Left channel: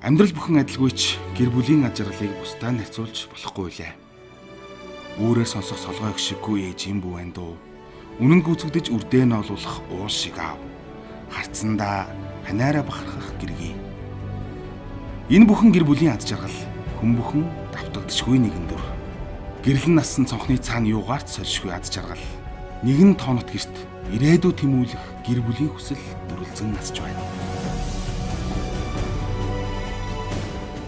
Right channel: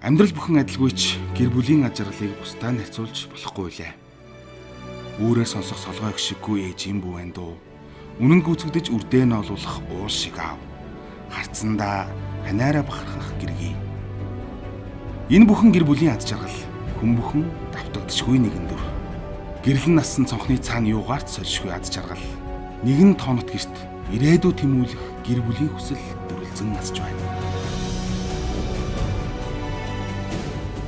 Амьдрал бүхэн адилгүйч гэр бүлийн аж аргалыг бусдаа харьцуулж болохгүй лээ. Өөрөөр сонсох солгой гişггүй ээж юм бүү байна дөө. Үнэн гүйцэгдэж үрдээ нь олуулах уус шиг аав. Харцсандаа ханаараа бахархах гэргий. Энэ бүхэн гэр бүлийн ад жаргал хүн бүхэн давтагдчихгүй нэгэн дөр. Гэрлэн нассан цонхны цаана юугаарч сольшгүй ад жаргал. Нэгэн тоонот гэрт ирээдүй тэмүүлэх гэр бүлийн хүсэл дөрвөлзөн насж байна.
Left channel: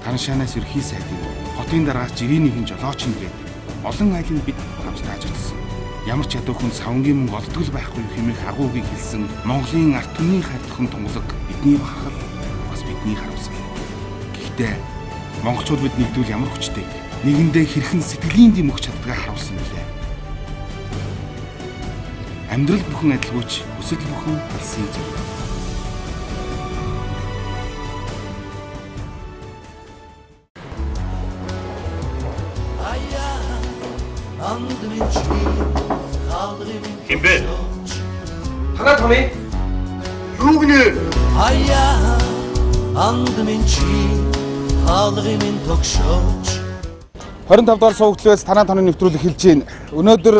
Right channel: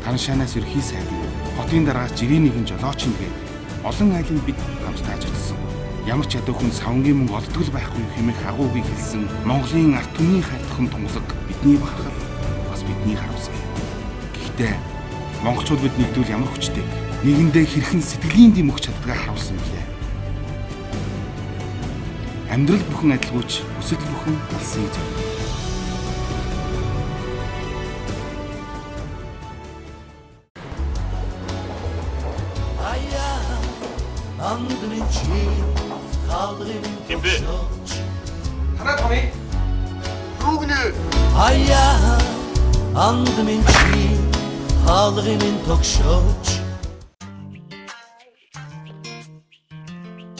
Тараншаанаас ерхий сайдын хотын дараагаас жирийн нэгэн жолооч нэгээд олон айлын бид хамтдаж очсон. Ямар ч ядуу хүн савнгийн мөнгө олдтол байхгүй хэмээх агуугийг хэлсэн Монголын ард түмний хайртхан тунгалаг бидний бахархал бас бидний харамсал. Гэхдээ монголчууд бид нэгдвэл ямар хүчтэй нэгэндээ хэрхэн сэтгэлийн дэм өгч чаддгаа харуулсан билээ. Амьдрал бүхэн адилгүйч хүсэл бүхэн талсыг зорино. Хэмбэ? Танаа томьёо? Юу гинэ? Ая андмын чи хаалгын тогшооч 25 дугаар суугдлаас танаа тоног нэвтрүүлэг хэлж байна. Өнөөдөр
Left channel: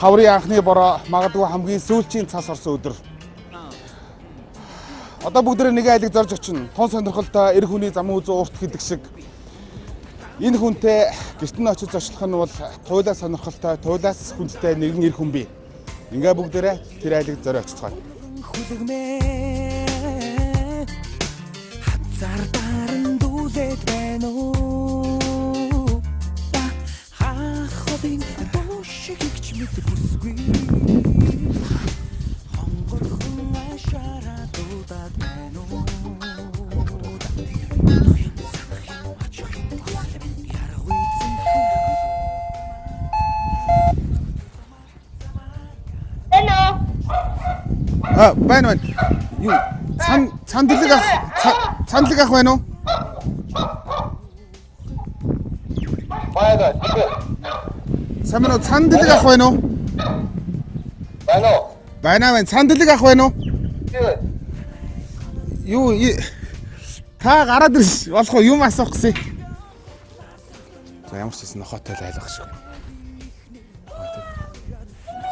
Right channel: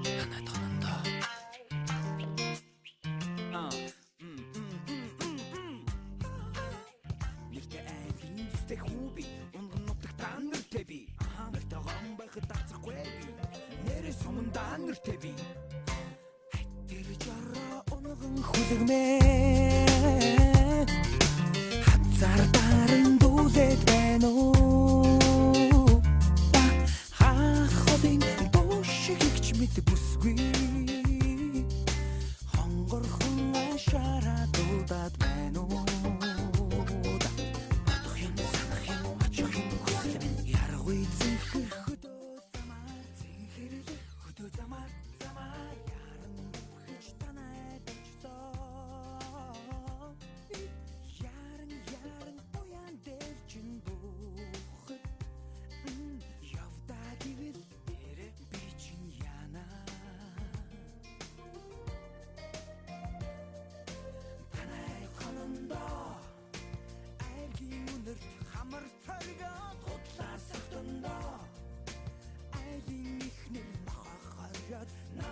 хаврын анхны бороо магадгүй хамгийн сүүлчийн цас орсон өдөр. Одоо бүгдээ нэг айлыг зорж очино. Тун сонирхолтой эр хүний замын үзүү уурт гэдэг шиг энэ хүнтэй гэрт нь очиж очлох нь бол хуйлаа сонирхолтой, туйлаас хүнтэй нэгэн эр хүн бий. Ингээ бүгдээрээ тэр айлыг зориулж цацгаая. хүлэгмээ хазар даран дүүлээд байна уу хаховын дошиг ч мэд бүсгүй хонгорхон ашараа дуудаад байна уу Байна. Юу? Цандлаг ах байна уу? Баяа. Самро цандлаг ах байна уу? Байна. Цандлаг ах байна уу? Юу? Та гараад ирс болох уу? Юм асуух гэсэн. За ямар ч гэсэн нохотой л айлах шиг.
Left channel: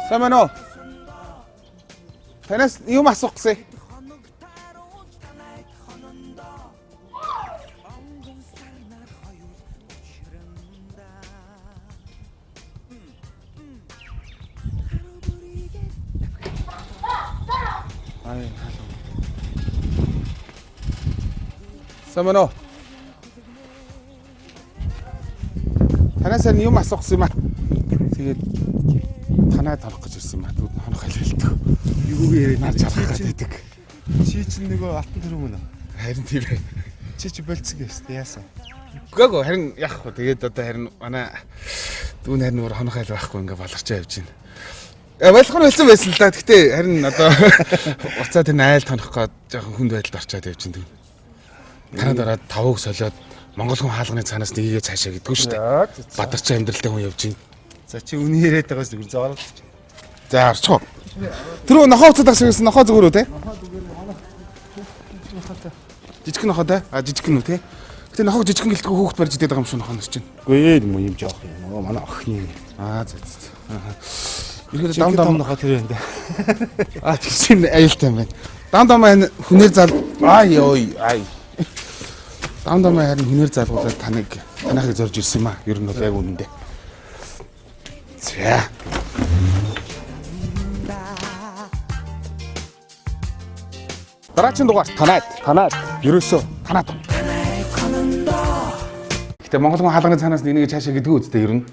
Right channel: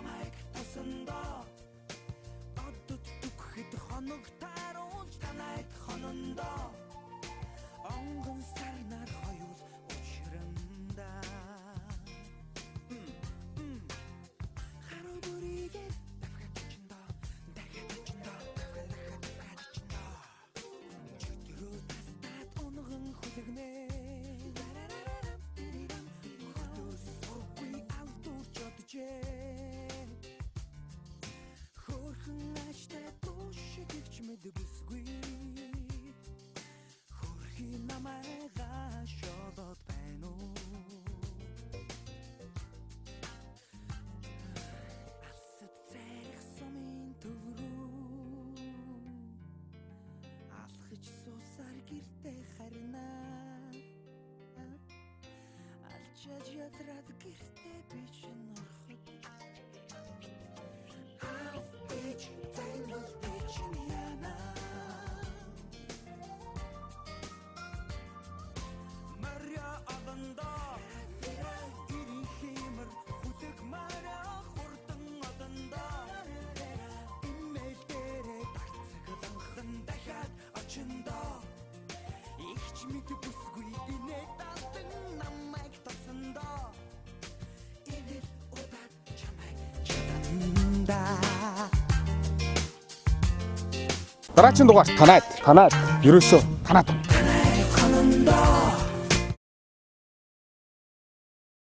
Самро танаас юм асуух гэсэн. Самано. Танаас юм асуух гэсэн юм аа. Тэгээд танаа тарах гэж ирсэн юм аа. Түүд хонох хэлэлдэг. Юу яриад чарах гэдэг. Чи чинь нөгөө алтан төрөг мөн үү? Харин тийм ээ. Чи болцсон гэвч яасан? Гэгөө харин яах вэ? Тэгээд одоо харин манай дүүн харин өөр хонох айл байхгүй ингээ баларчаа явж байна. Байлхын хэлсэн байсан л да. Гэхдээ харин одоо уцаа тэр айл тонох гээд жоохон хүнд байдалд орчоод явж байна. Танаа дараа тавыг солиод Монгол хүн хаалганы цаанаас нэгээ цаашаа гэдгүү шүү дээ. Бадарчаа амьдралтай хүн явж байна. За чи үний яриад байгаас зүгээр зоорол. За орчих. Тэр нохоо уцаад агшигсэн нохоо зүгээр үү те? Жижиг нохоо те? Жижиг нь үү те? Гэтэ нохоо жижигэн гэлтгүй хүүхд барьж идээд байгаа юм шиг нохоо нэрч чинь. Үгүй ээ юм жоох. Нөгөө манай охин. За. Ирэхэд дам нохоо тэр юм да. тийм аюултай юм байна. Дам хүнээр зал Дам харин хүнээр залгуулаад танахыг зорж ирсэн юм аа. Ер нь бол яг үнэндээ. За. Дараагийн дугаар танаад. Ерөөсөө танаад. Гэтэ Монгол хүн хаалганы цаанаас нэг цаашаа гэдгүү үстэй ер нь.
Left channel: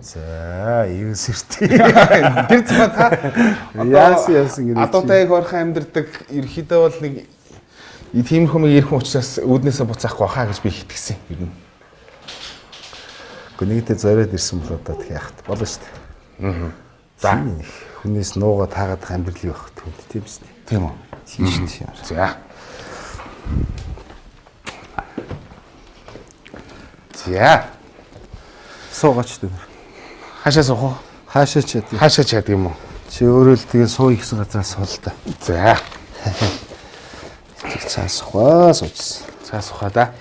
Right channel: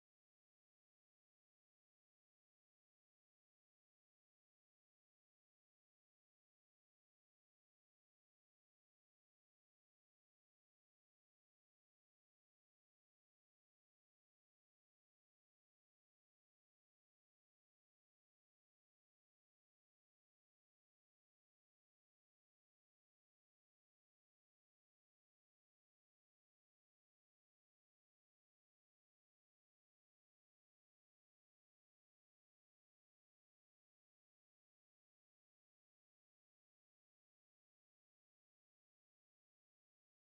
За, юу сэрти. Тэр цаа та яасан гэдэг. Адуутай хөрхөн амьдэрдэг ерхийдөө бол нэг тийм хүмүүс ирэх учраас үүднээсээ буцаахгүй хаа гэж би итгэсэн ер нь. Гэхдээ нэгтэй зориод ирсэн бол одоо тэг яахт болно шүү дээ. За. Хүнээс нуугаа таагаад амьдрал юу байх түнд тийм шүү дээ. Тийм үү? Тийм шүү дээ. За. За. Суугаач дээ. Хаашаа суух уу? Хаашаа чад. Хаашаа чад юм уу? Чи өөрөө л тэгээ суу ихсэн газраас суул та. За. Тэг цаасхаа суужсэн. Цаас ухаа да.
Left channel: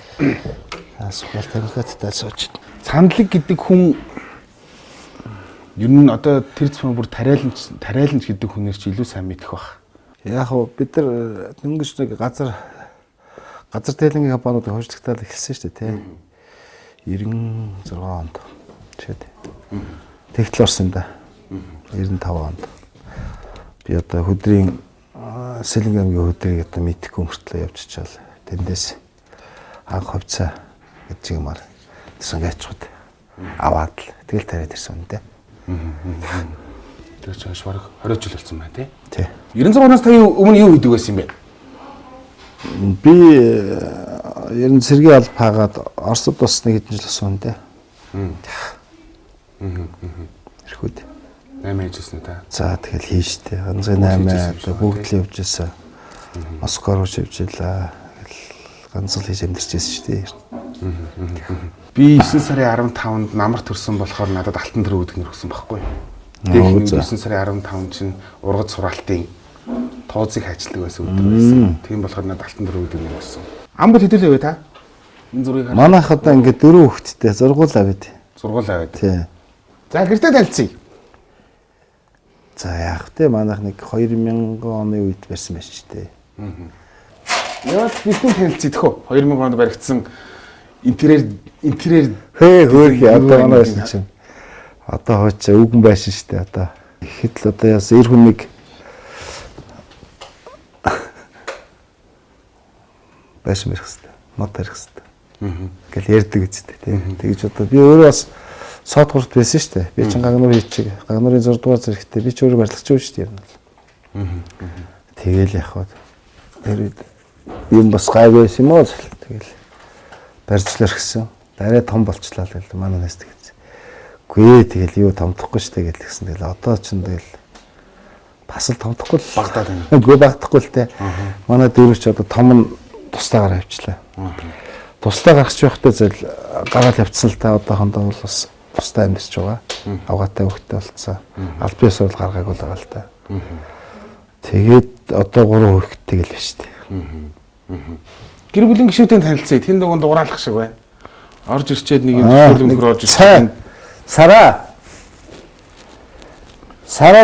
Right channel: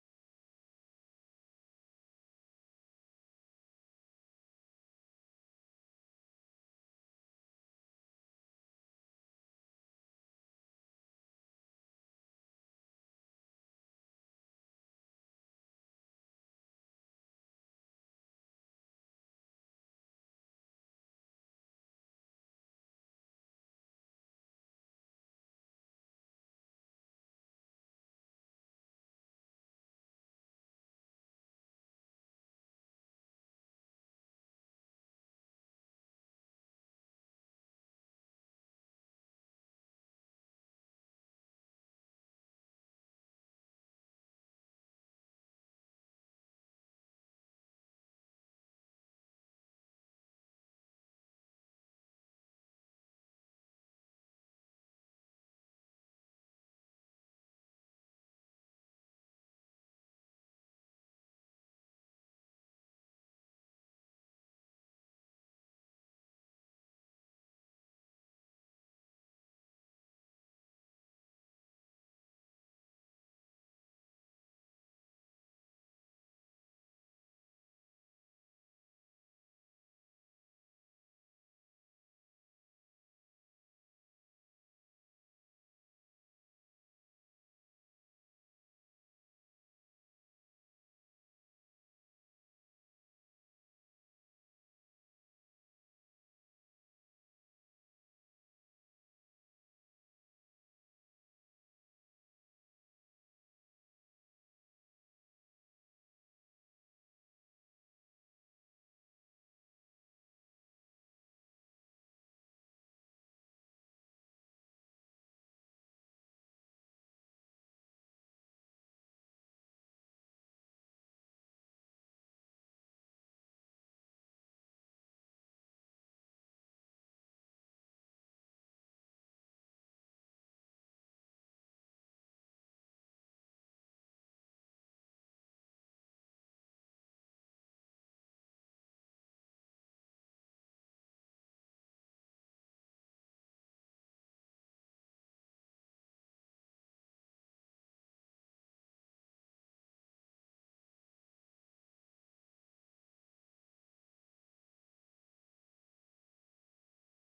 Асуухал тамхиаттай сууж. Сандлаг гэдэг хүн ер нь одоо тэр зам бүр тариаланч гэдэг хүнээр чи илүү сайн мэдэх бах. Яг уу бид нар дөнгөж нэг газар тээлэнгийн компаниудыг хожигдтал эхэлсэн шүү дээ тий. 96 онд. Жишээд. Тэгтэл орсон да. 95 онд. Би одоо хөдрийн Сэлэнг аймгийн хөдрийг одоо мэдхгүй мөртлөө явж чаал. Тэндээс анх хувьцаа гэж юмар сангачууд аваад л тэгэл тариад ирсэн үнэтэй. Тэр чинь шварг 20 жил болсон байна тий. Тий. 96-наас та өмнө юу хийдэг байсан юм бэ? Би ер нь сэргийн алба хаагаад Оросд бас нэг хэдэн жил болсон үнэтэй. Эрхүүд 8 ажилласан та. За тэгэл хийжтэй. Ганцхан 8 одоо бүгд л явж байсан. Москва руу явж илаа. Ганц л хийж амьдэрчээсэн шүү дээ. Би 9 сарын 15-нд намар төрсөн болохоор надад алтан тэр үүдгнэр өгсөн байхгүй. Тэгээд 9 сарын 15 чинь ургац сураалтын тооцыг хайчлагдаг байсан өдөр байсан. Тийм болохоор надад алтан тэр үүдгнэр өгсөн. Амбал хэдүүлээ вэ та? Энэ зургийг хараа. Манайх одоо ингээд 4 хүүхэдтэй зургуулаа бид. Сургуулаа байд. Тий. За гэртээ танилцъя. За яах вэ? Манайх нэг 2000 оны үед барьсан байж тээ. Яа бидэн танилцъя тэхөө. 2000 онд баригдсан интерьер Хөөхий одоо манай байсан чинь. Одоо хооч үгэн байсан шүү дээ одоо. Ихэд л одоо яас эр хүнийг байсан мэрх хэвээр. Мод барих хэвээр. Ингээл ярьдаг үстэй тийм. Тэгж одоо би өөрөө бас сод гурт байсан шүү дээ. Би чинь гагнуур хийчих. Гагнуурын 6 дугаар зэрэгтэй би ч өөрөө барилгач шүү дээ ер нь. Тэгэл явах. Тэр юм бас гай байсан юм уу? Тэгэл барьцлаар гисэн. Арай том болчлаа л гэл манай нэс тэгээс. Үгүй ээ тэгэл юу томдохгүй шүү дээ гэл гисэн. Тэгэл одоо ч тэгэл бас л томдохгүй л багтаад байна. Үгүй багтахгүй л те. Манай дөрөвч одоо том нь тустаагаар авчлаа. Тустаа гаргаж байхдаа зэл гараад явцсан л та одоохондоо бол бас тустаа амьдч байгаа. Авгаатай хөвгтэй болцсон. Аль бие сурал гаргаагүй л байгаа л та. Тэгээд одоо 3 хөвгтэй л биш дээ. Гэр бүлийн гишүүдийн танилцъя. Тэнд дугуун дуграалах шиг байна. Орж ирчээд нэг юм зөвлөмөр орж ирсэн. Сараа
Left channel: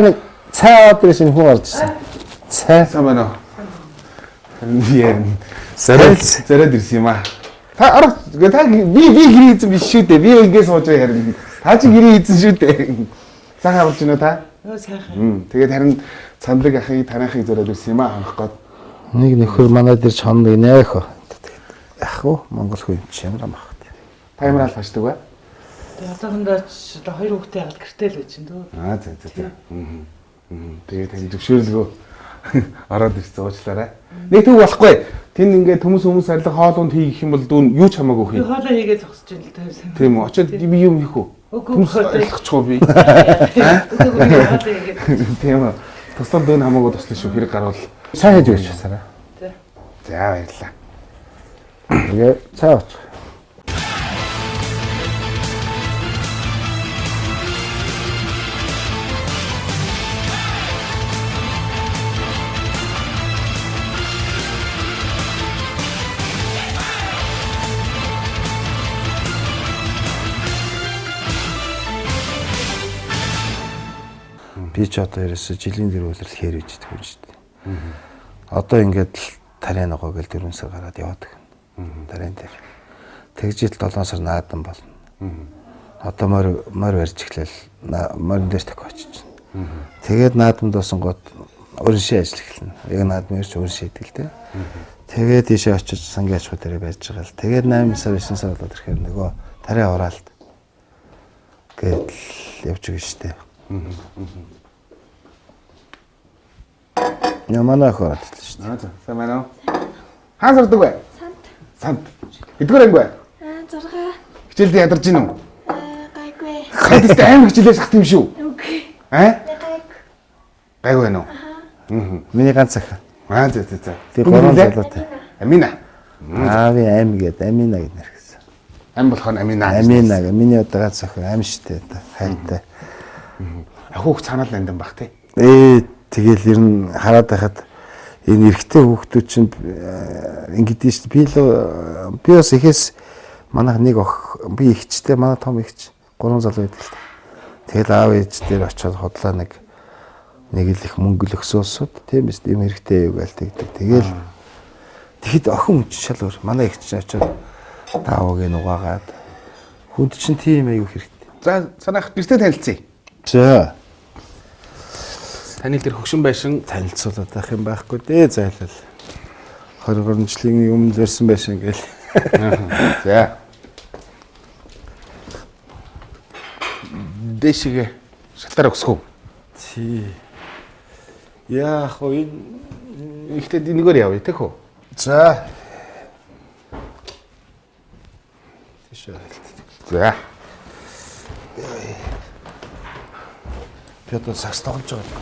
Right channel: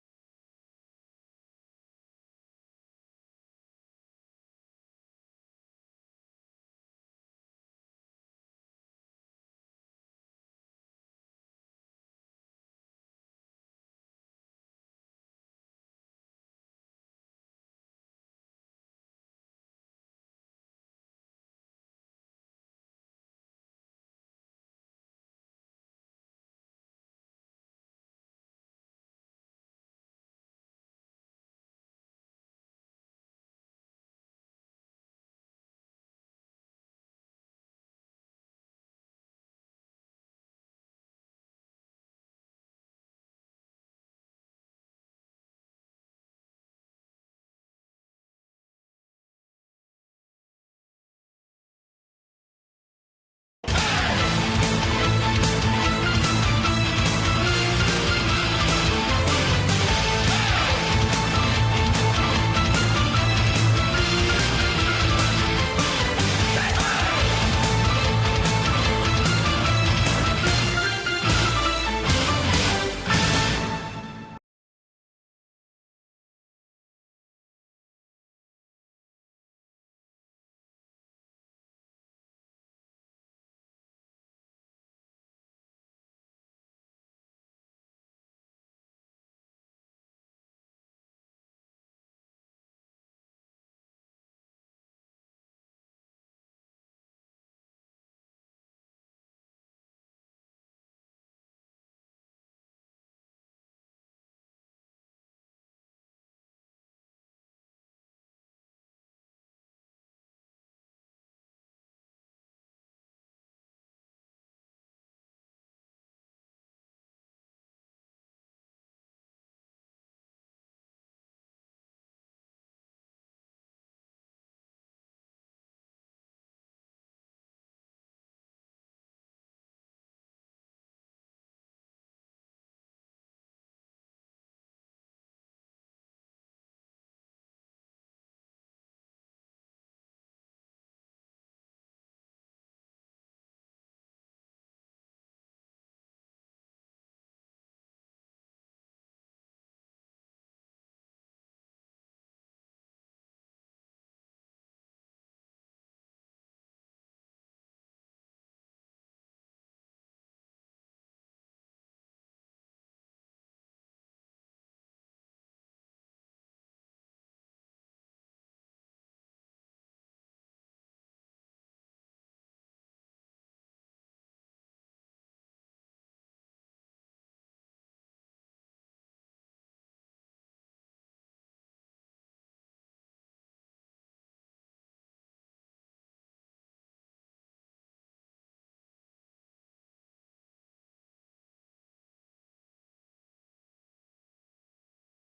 нэг цай аваад ирсэн хүн орж ирсэн. Цай Самана. Зарад ирсэн юм аа. Та арга та би гэрээ хийсэн биш шүү дээ. Би ингээс сууж байгаа харин. Та чи гэрээ хийсэн шүү дээ. Сайхан авч байна та? Сайхан. Тэгээд харин цамлаг ахыг танаахыг зарад ирсэн юм аа анх гот. нэг нөхөр манайд ирж хоног нෑх. Ах уу Монгол хүн юм чи ямар амах. Та ямар аль хашдаг вэ? Тэгээд одоохондоо ч одоо 2 хүүхдээ аваад гэртэл байж чинь дөө. За. Тэгээд тань зөвшөөрлгөө ороод ирсэн уучлаарай. Нэг төг болохгүй. Тэнд ингээд хүмүүс арилга хоолунд хийх юм бол дүүн юу ч хамаагүй хий. Би хоолоо хийгээд зогсож байна л таарсан. Тийм үү. Очоод би юм хийх үү? Үгүй арилгачихгүй би. Тийм үү. Туслал дүүн хамаагүй туслах шүү хэрэг гарвал. Цай хийж өгч сараа. За баярлалаа. Тэгээ цай авч. Би ч одоо ерөөсө жилийн дээр үйлрэл хээр үжиж байгаа юм шүү дээ. Одоо ингээд л тарай ногоо гэл 4 сар гараад яваад гэнэ. Тарайн дээр. Тэгжил 7 сар наадан болно. Одоо морь барьж эхлээл морин дээр тахиж очиж байна. Тэгээд наадамд басан гот өрншийн ажил эхэлнэ. Яг наадам ирж өрншийн идэл тэ. Тэгээд тийшээ очиж сангийн аж ахуй дээр байж байгаа л. Тэгээд 8 сар 9 сар болоод ирэхээр нөгөө тарай ураалт гээд явж байгаа шүү дээ. Ямана хөрөд л шүү дээ. За сайн байна уу? Хаан сурдаг вэ? Санд. Хэдгээр анги вэ? 6. Хичээлд ядарч гин үү? Гайгүй. Хадтай аим хичээлээс хат юм шүү. Үгүй. Гайгүй байна уу? Миний ганц ах. За. Тэр гурван залуутай. Амина. Би аим гээд Амина гэд нэрхсэн. Ам болох нь Амина. Амина гэ миний одоо ганц ах аим штэ одоо хайртай. Ахуух цаанал нандин бах тий. Тэгэл ер нь хараад байхад Энэ эрэгтэй хүүхдүүд чинь ингэдэж шүү дээ. Би бас ихээс манайх нэг би ихчтэй манай том ихч 3 залуу байдаг л та. Тэгэл аав ээж дээр очиод хотлоо нэг л их мөнгө л өсөөлсөд тийм биз юм хэрэгтэй юу гээл тэгдэг. Тэгэл тэгэхэд охин шал өөр. Манай ихч очиод таавыг нугаагаад хүнд чинь тийм аягүй хэрэгтэй. За санаах гэртээ танилцъя. За Таны тэр хөгшин байшин танилцуулаад байх юм байхгүй дээ зайлал. 20 жилийн өмнө лэрсэн байшин гээл. за дэшигэ шатаар өгсгөө. Тий. Яах вэ? Ихтэй нэгөр явъя тэг хөө. За. Тийшээ. За. Пётр сакс тоглож байгаа.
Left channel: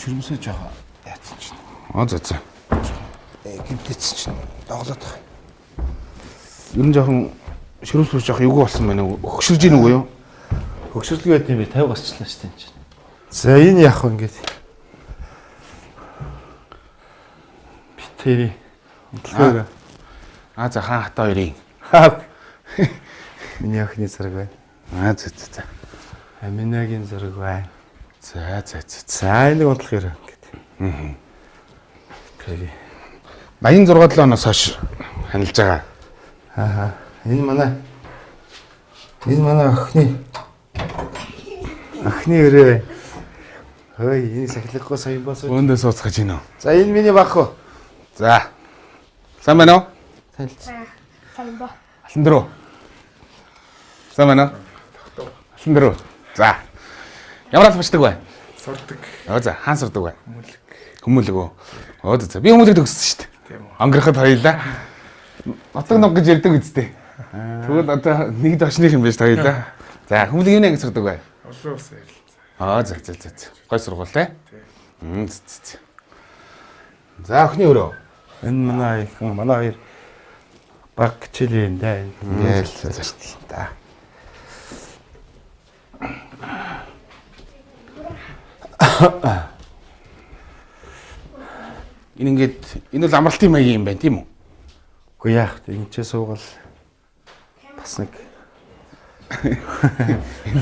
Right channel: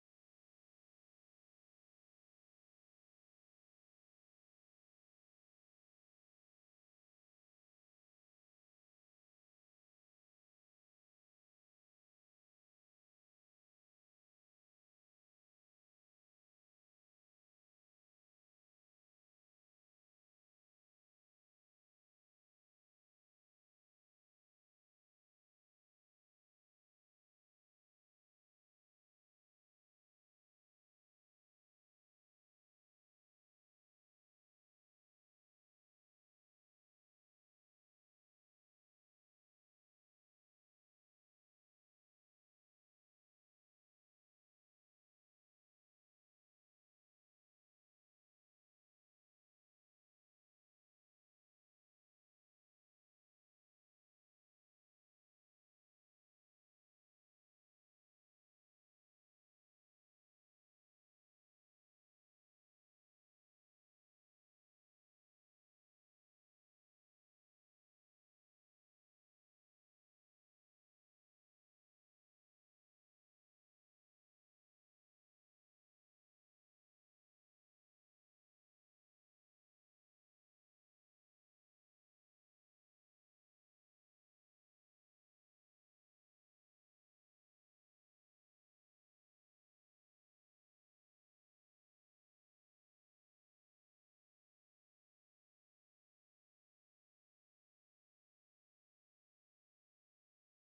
Шүрмсээ жоо яатсан чинь. За. Гимтэц чинь доглоод байгаа. Ер нь жоохон ширүүс жоох эвгүй болсон байна уу? Хөгшөрж ийн үгүй юу? Хөгшөрлөг байт юм би 50 гарчлаа шүү дээ энэ чинь. За энэ яах вэ ингээд? Битэрий. Онцлог. За хаан хата хоёрын. Миний охины зэрэг байна. За. Аминагийн зэрэг байна. За. За энийг унтлах юм ингээд. Тэрий. 86 оноос хойш ханилж байгаа. Энэ манай охины өрөө. Хөөе, энэ сахилахгүй сайн босоо. Өөндөө сууцгаж гинөө. За энэ миний баг хөө. За. Сайн байна уу? Сайн ба. Алан дөрөө. Сайн байна уу? Алан дөрөө. За. Ямар албачдаг вэ? Сурдаг. За, хаан сурдаг вэ? Хүмүүлэг үү? За. Би хүмүүлэг төгссөн шүү дээ. Тийм үү. Өнгөрөхөд хоёлаа. Нутаг нуг гэж ярьдаг үсттэй. Тэгвэл одоо нэгд очных юм байна шүү хоёлаа. За, хүмүүлэг юу нэг сурдаг вэ? Олон ус ярил. За. Гой сургууль те. За, охины өрөө. Энэ манай хоёр баг хичээл юм да. Ингээл шүү дээ. Энэ бол амралтын маягийн юм байна тийм үү? Үгүй яах вэ? Энд ч суугал бас нэг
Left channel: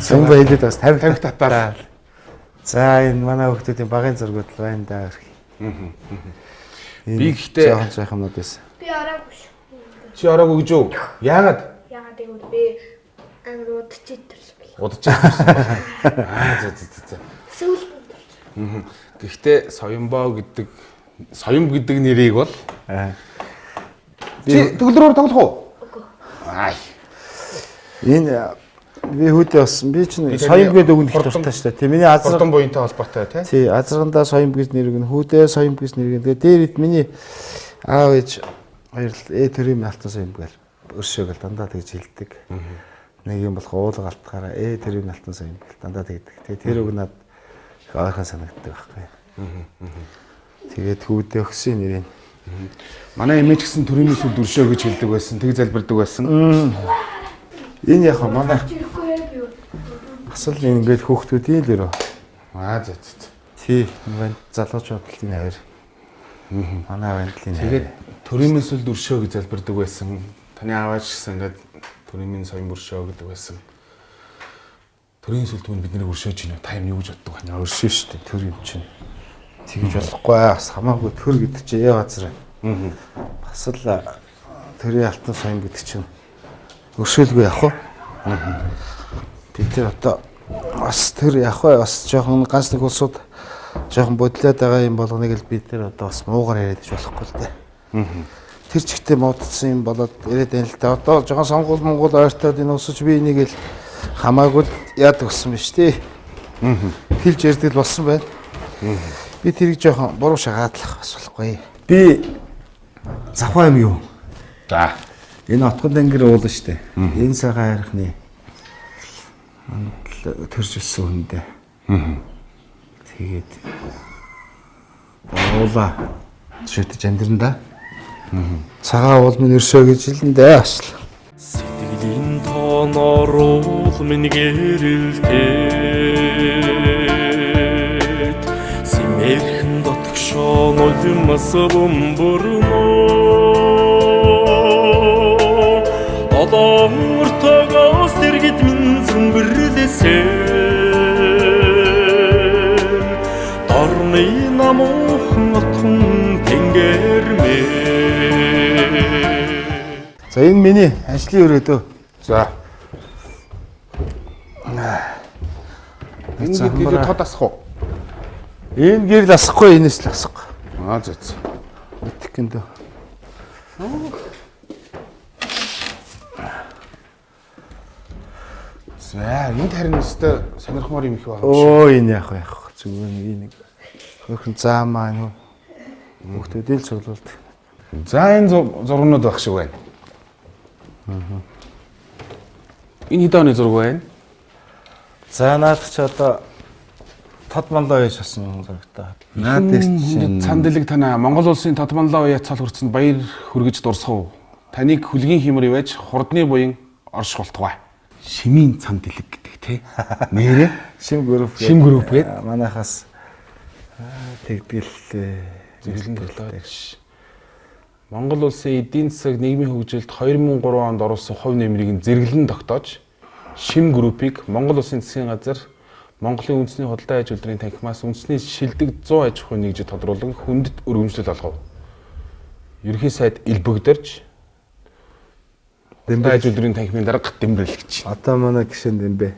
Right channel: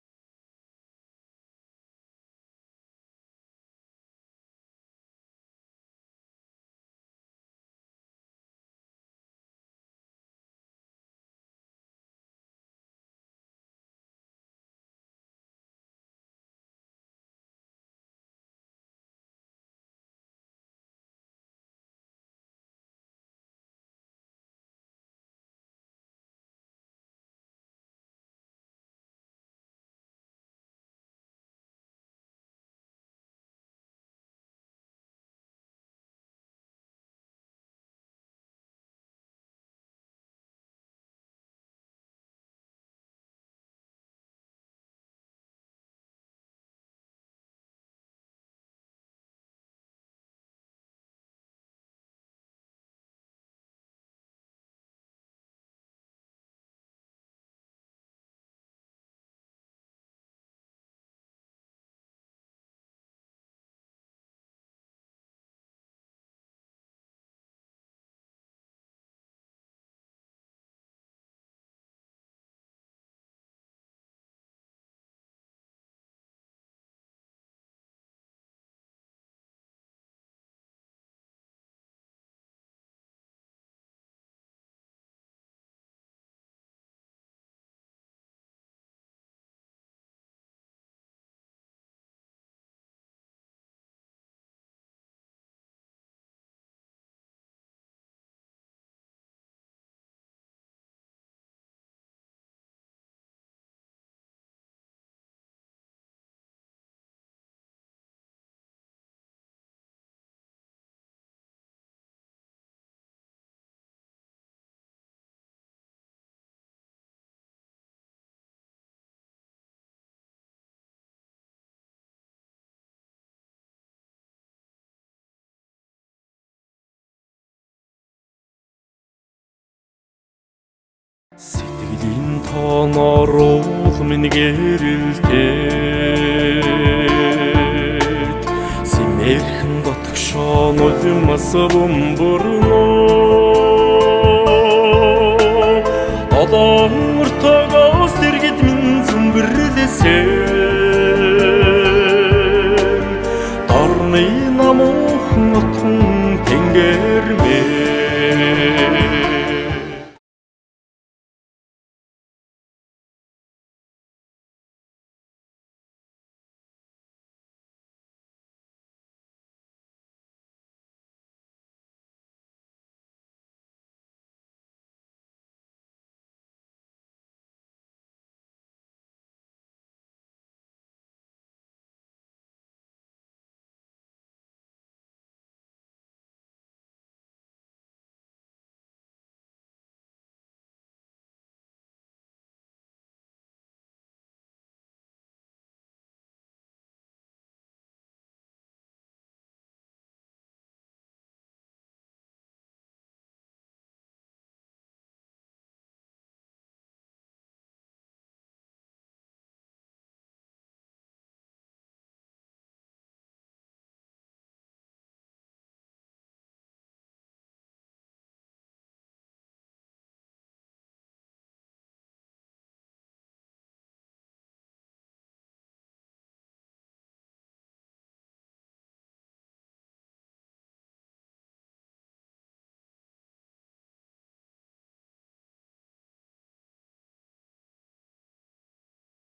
сэн байлд бас 50 татаараа. За энэ манай хүүхдүүдийн багын зургууд л байна да. Би гэхдээ жоохон юмнууд байсан. Би ороогүй шүү. Чи ороогүй гэж юу? Яагаад? Яагаад гэвэл би амар удчихсан. Удажчихсан. За. Сүүл. Гэхдээ Соёмбоо гэдэг нэрийг бол чи төгөлдрөөр тоглох уу? Үгүй. Энэ би хүүдээ болсон. Би чинь Соёмб гэдэг үгнэх дуртай шүү дээ. Тэ миний азар Хурдан буянтай холбоотой тий. Тий, азаргандаа Соёмб гэж нэрэг нь хүүдээ Соёмб гэж нэрэг. Тэгээ дээрэд миний аав ээж хоёр л төрийн алтан Соёмб гэл өршөөгөл дандаа тэгж хэлдэг. Нэг юм болох уулга алтгаараа төрийн алтан Соёмб гэл дандаа тэгдэг. Тэгээ тэр үг надад их ойрхон санагддаг байхгүй. Тэгээд хүүдээ өгсөн нэрийг. Манай эмээ ч гэсэн төрийн сүлд өршөө гэж хэлдэг байсан. Тэг залбирдаг байсан. Энэ яг манай асал ингээд хүүхдүүдийн л өрөө. За. Тий, энэ залуучууд л энэ хоёр. Манай вандлын. Тэгээд төрийн сүлд өршөө гэж залбирдаг байсан. Таны аавч гэсэн ингээд төрийн Соёмб өршөө гэдэг байсан. Төрийн сүлд мөн бидний өршөөж гинэ. Та юм юу гэж боддог вэ? Өршөө шүү дээ төр юм чинь. Тэгж болохгүй бас хамаагүй төр гэдэг чинь яа газар. Бас л төрийн алтан Соёмб гэдэг чинь өршөөлгүй явах уу? Би тэр одоо бас тэр явах бай бас жоохон ганц нэг улсууд жоохон бодлоод байгаа юм болгоныг л бид тэр одоо бас муугар яриад иж болохгүй л дээ. Тэр чигтээ муудсан юм болоод яриад байна л да. Одоо жоохон сонгуул Монгол ойртоод энэ усч би энийг л хамаагүй яадаг гэсэн биз дээ. Хэлж ярьдаг л болсон байна. Би тэрийг жоохон буруу шагаадлах бас болохгүй. Би Завхаа юм юу? За. Энэ отгон дангэр уул штэ. Энэ цагаан хайрхны төржилсөн хүндээ. Тэгээд уула шүтэж амьдранда. Цагаан уул минь өршөө гэж хэлэндээ бас. Сэтгэлийн тооноор уул минь гэрэлтээд Симэрхэн дотгш Шон улмас бомборно Олон өртөгөөс дэргэд минь зүмбэрлэсэн Дорны намуухан отхон тэнгэрмэ За энэ миний ажлын өрөөдөө. За. Энэ гэдэг тод асах уу? Энэ гэрэл асахгүй, энэс л асахгүй. За. Итгэндөө. За, энд харин өстой сонирхмоор юм их байна. Оо энэ яах вэ? Зүгээр нэг хөрхөн заамаа нөө. Хүүхдүүдээ л цуглуулдаг. За, энэ зургнууд байх шиг байна. Энэ хэдэн оны зураг байна? За наадах ч одоо тод манлаа яж асан зурагтай. Наад чинь Цан дэлэг танаа Монгол улсын тод манлаа уяа цал хүртсэнд баяр хүргэж дурсав. Таныг хүлгийн хэмэр ивэж хурдны буян орш болтугай. Шимийн цан дэлэг гэдэг те. Нэрээ Шим групп. Шим групп гэдэг. Манайхаас тэгдэл зөвлөлтэй. Монгол улсын эдийн засаг нийгмийн хөгжилд 2003 онд оруулсан хувь нэмрийг зэрэглэн тогтоож Шим группийг Монгол улсын засгийн газар Монголын үндэсний худалдаа аж үйлдвэрийн танхимаас үндэсний шилдэг 100 аж ахуйн нэгжид тодруулан хүндэт өргөмжлөл олгов. Ерөнхий сайд элбэгдэрж худалдаа аж үйлдвэрийн танхимын дарга дэмбэрэл гэж. Одоо манай гишэнд юм бэ.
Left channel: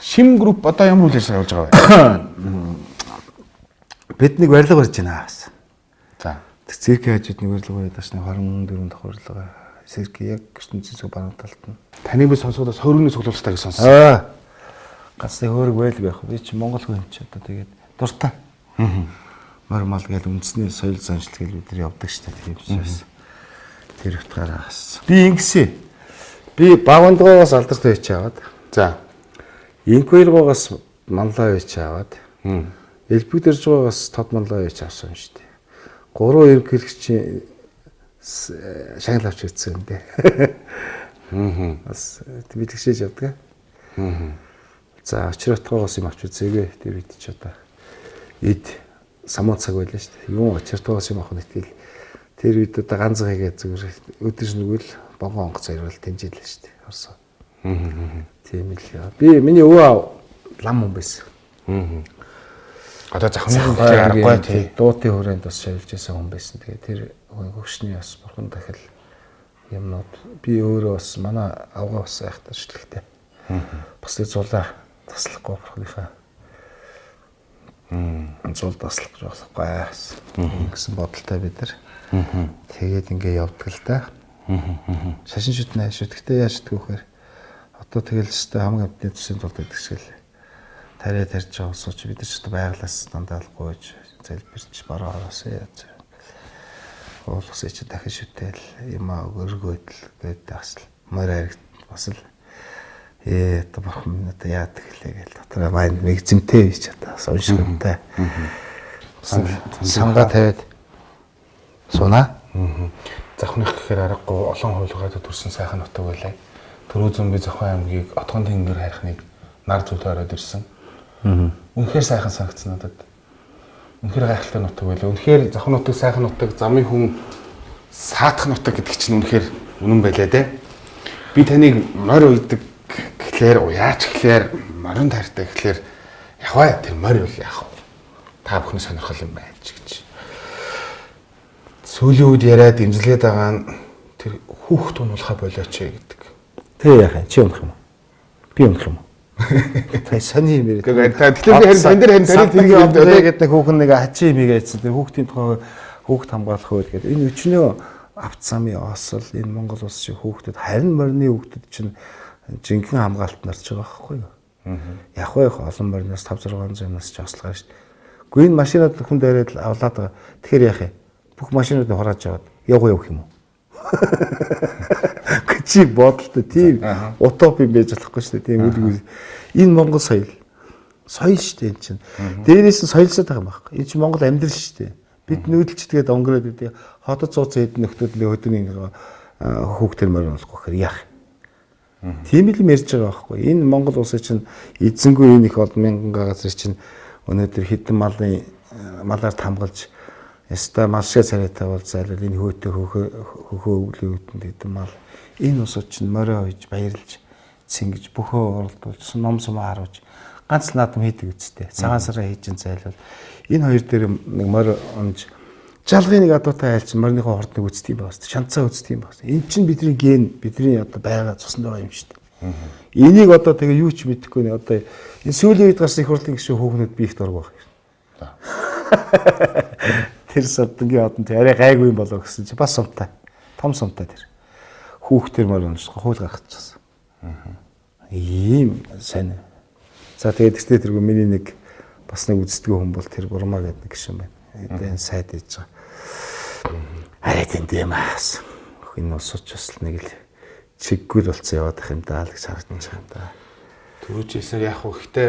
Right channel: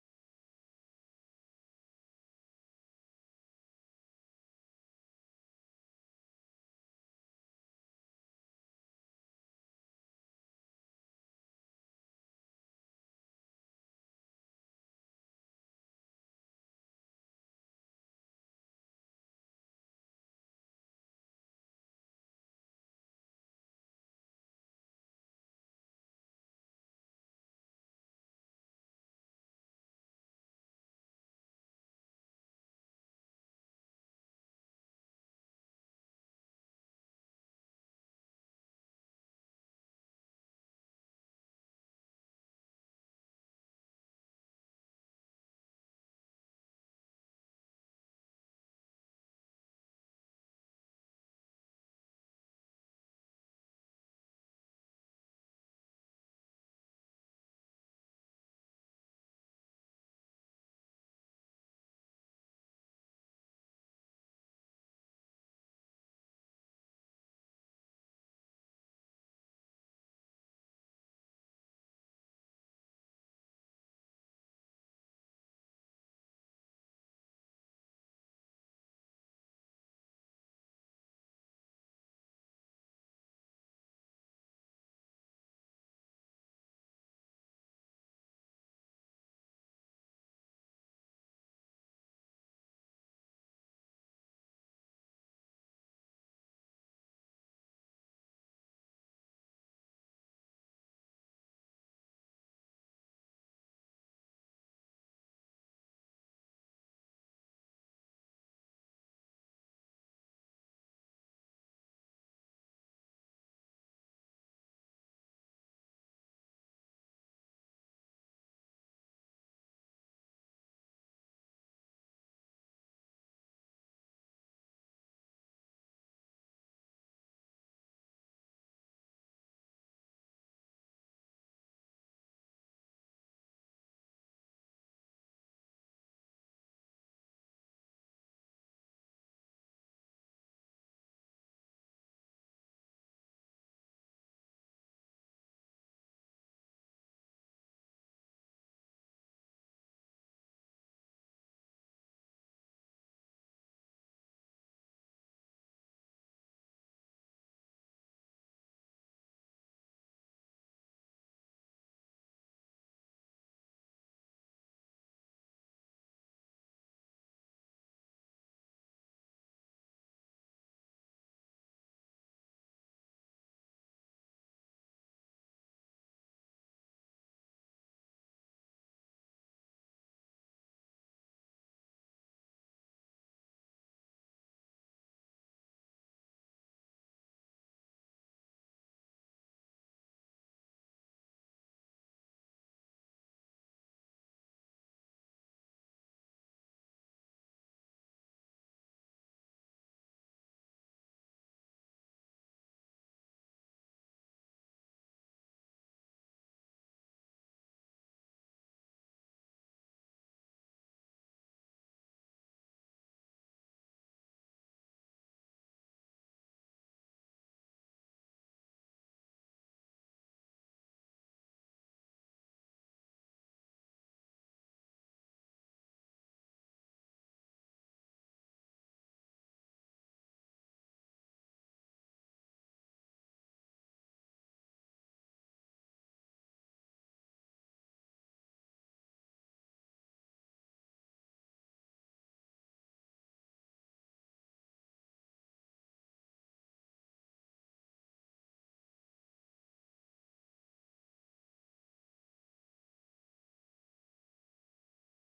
Шим групп одоо ямар үйл ажиллагаа явуулж байгаа вэ? Бид нэг барилга барьж байна бас. За. Циркийн хажууд нэг барилга барьж ташны 24 дахь барилга. Циркийн яг ертөнцийн зүг баруун талд нь. Таныг би сонсоход соргины цуглуулалтаа гэж сонссон. Гацны хөөрг байлг байх. Би чи Монгол хүн ч одоо тэгээд дуртай. Мөр мал гээл үндэсний соёл заншил гээл бид нар явдаг штэ тийм учраас. Тэр утгаараа хас. Би ингэсэн. Би Багвандгоогоос алдартай байж аваад. За. Инквилгоогоос манлаа байж аваад. Элбэгдэржгоогоос тод манлаа байж авсан юм штэ. Гурван ерөнхийлөгчийн шагнал авч ирсэн юм дээ. Бас би тэгшээж явдаг. За очиртгоогоос юм авч үзээгүй. Тэр үед ч одоо эд самуу цаг байлаа шүү дээ. Юу очиртгоогоос юм авах нь итгэл. Тэр үед одоо ганц гэгээ зүгээр өдөр нүгэл богоон онгоц ирвэл тэмжээлээ шүү дээ. Орсоо. Тийм л яа. Би миний өвөө лам хүн байсан. Одоо захны аргагүй тий. Дуутын хүрээнд бас шавилж байсан хүн байсан. Тэгээ тэр хөгшний бас бурхан дахил юмнууд би өөрөө бас манай авгаа бас айхтар шүтлэгтэй. Бас тэр зулаа таслахгүй бурхныхаа зул таслах гэж болохгүй гэсэн бодолтой бид нар. Тэгээд ингээ явдаг л да. Шашин шүтнэ шүтгэхдээ яаж шүтгэх вэхээр одоо тэгэл өстой хамгийн амтны төсөнд тулд гэдэгсэл тариа тарьж байгаа усууч бид нар ч одоо байглаас дандаа л гойж залбирч бараа ороосоо яаж уулгасаа чи дахин шүтэл юм өргөөдөл гэдэг асал мөр харигт бас л одоо бурхан минь одоо яадаг хэлээ гэл дотроо майнд мэгзэмтэй бич одоо уншигтай сангаа тавиад сунаа Завхных гэхээр аргагүй олон хуулиудад төрсэн сайхан нутаг байлаа. Төрөө зөмбө Завхан аймгийг отгон тэнгэр хайхныг нар зүйлээр ороод ирсэн. Үнэхээр сайхан санагдсан надад. Үнэхээр гайхалтай нутаг байлаа. Үнэхээр Завхан нутаг сайхан нутаг, замын хүн саатах нутаг гэдэг чинь үнэхээр үнэн байлаа те. Би таныг морь уйдаг гэхлээр уяач гэхлээр морин тартай гэхлээр яваа тэр морь бол яах вэ? Та бүхний сонирхол юм байна ч гэж. Сүүлийн үед яриад имзэлгээд байгаа нь тэр хүүхд унуулахаа болооч гэдэг. Тэ яах юм чи унах юм уу? Би унах юм уу? Тэ сони юм яриад. Тэгэхээр би харин тань дээр харин тарих тэргийн авд тэгээд нэг хүүхэн нэг ачи юм ийгээдсэн. Тэр хүүхдийн тухай хүүхд хамгаалах үед гэдэг. Энэ өчнөө авт замын осол энэ Монгол улс шиг хүүхдэд харин морины хүүхдэд чинь жинхэнэ хамгаалалт нарч байгаа байхгүй юу? Яг байх олон морноос 5-600 юмнаас ч ослогоо шүү дээ. Гэхдээ энэ машинууд хүн дээрээ л авлаад байгаа. Тэгэхээр яах юм? Бүх машинуудыг хурааж аваад явах юм уу? Чи бодолтой тийм утоп юм байж болохгүй шүү дээ. Тийм үгүй. Энэ Монгол соёл шүү дээ энэ чинь. Дээрээс нь соёлсоод байгаа юм байна. Энэ чинь Монгол амьдрал шүү дээ. Бид нүүдэлчдгээд онгороод гэдэг хотод цууцсан хэдэн нөхдүүд нэг өдөрний хүүхдэр морин болохгүй гэхээр яах? Тийм л юм ярьж байгаа байхгүй. Энэ Монгол улсын чинь эзэнгүй энэ их олон мянган газар чинь өнөөдөр хэдэн малын малаар тамгалж яста малшаа царайтай бол зайлал энэ хөөтөө хөхөө өвлөөгдөнд гэдэг мал энэ усууд чинь морио хойж баярлж цингэж бөхөө оролдуулж ном сум харуулж ганц наадам хийдэг үстэй. Цагаан сараа хийж зайлвал энэ хоёр дээр нэг морио онж жалгын нэг адуутай айлч морныхоо хордныг үздэг юм байна. Шанцаа үздэг юм байна. Энэ чинь бидний ген бидний одоо байгаа цуснд байгаа юм шүү дээ. Энийг одоо тэгээ юу ч мэдэхгүй нэ одоо энэ сүүлийн үед гарсан их хурлын гишүүн хүүхнүүд би их дург баг. Тэр содонгийн одон тэр арай гайгүй юм болоо гэсэн чи бас сумтай. Том сумтай тэр. Хүүхдэр мөр унших хууль гаргачихсан. Ийм сайн. За тэгээд тэгтээ тэргүй миний нэг бас нэг үздэг хүн бол тэр Бурмаа гэдэг нэг гишүүн байна. Энэ сайд ээж байгаа. Арай тэндээ маас. Энэ усууч бас нэг л чиггүй болцсон яваад ах юм даа л гэж харагдаж байгаа юм да. Төрөөчөөсөө яг хөө ихтэй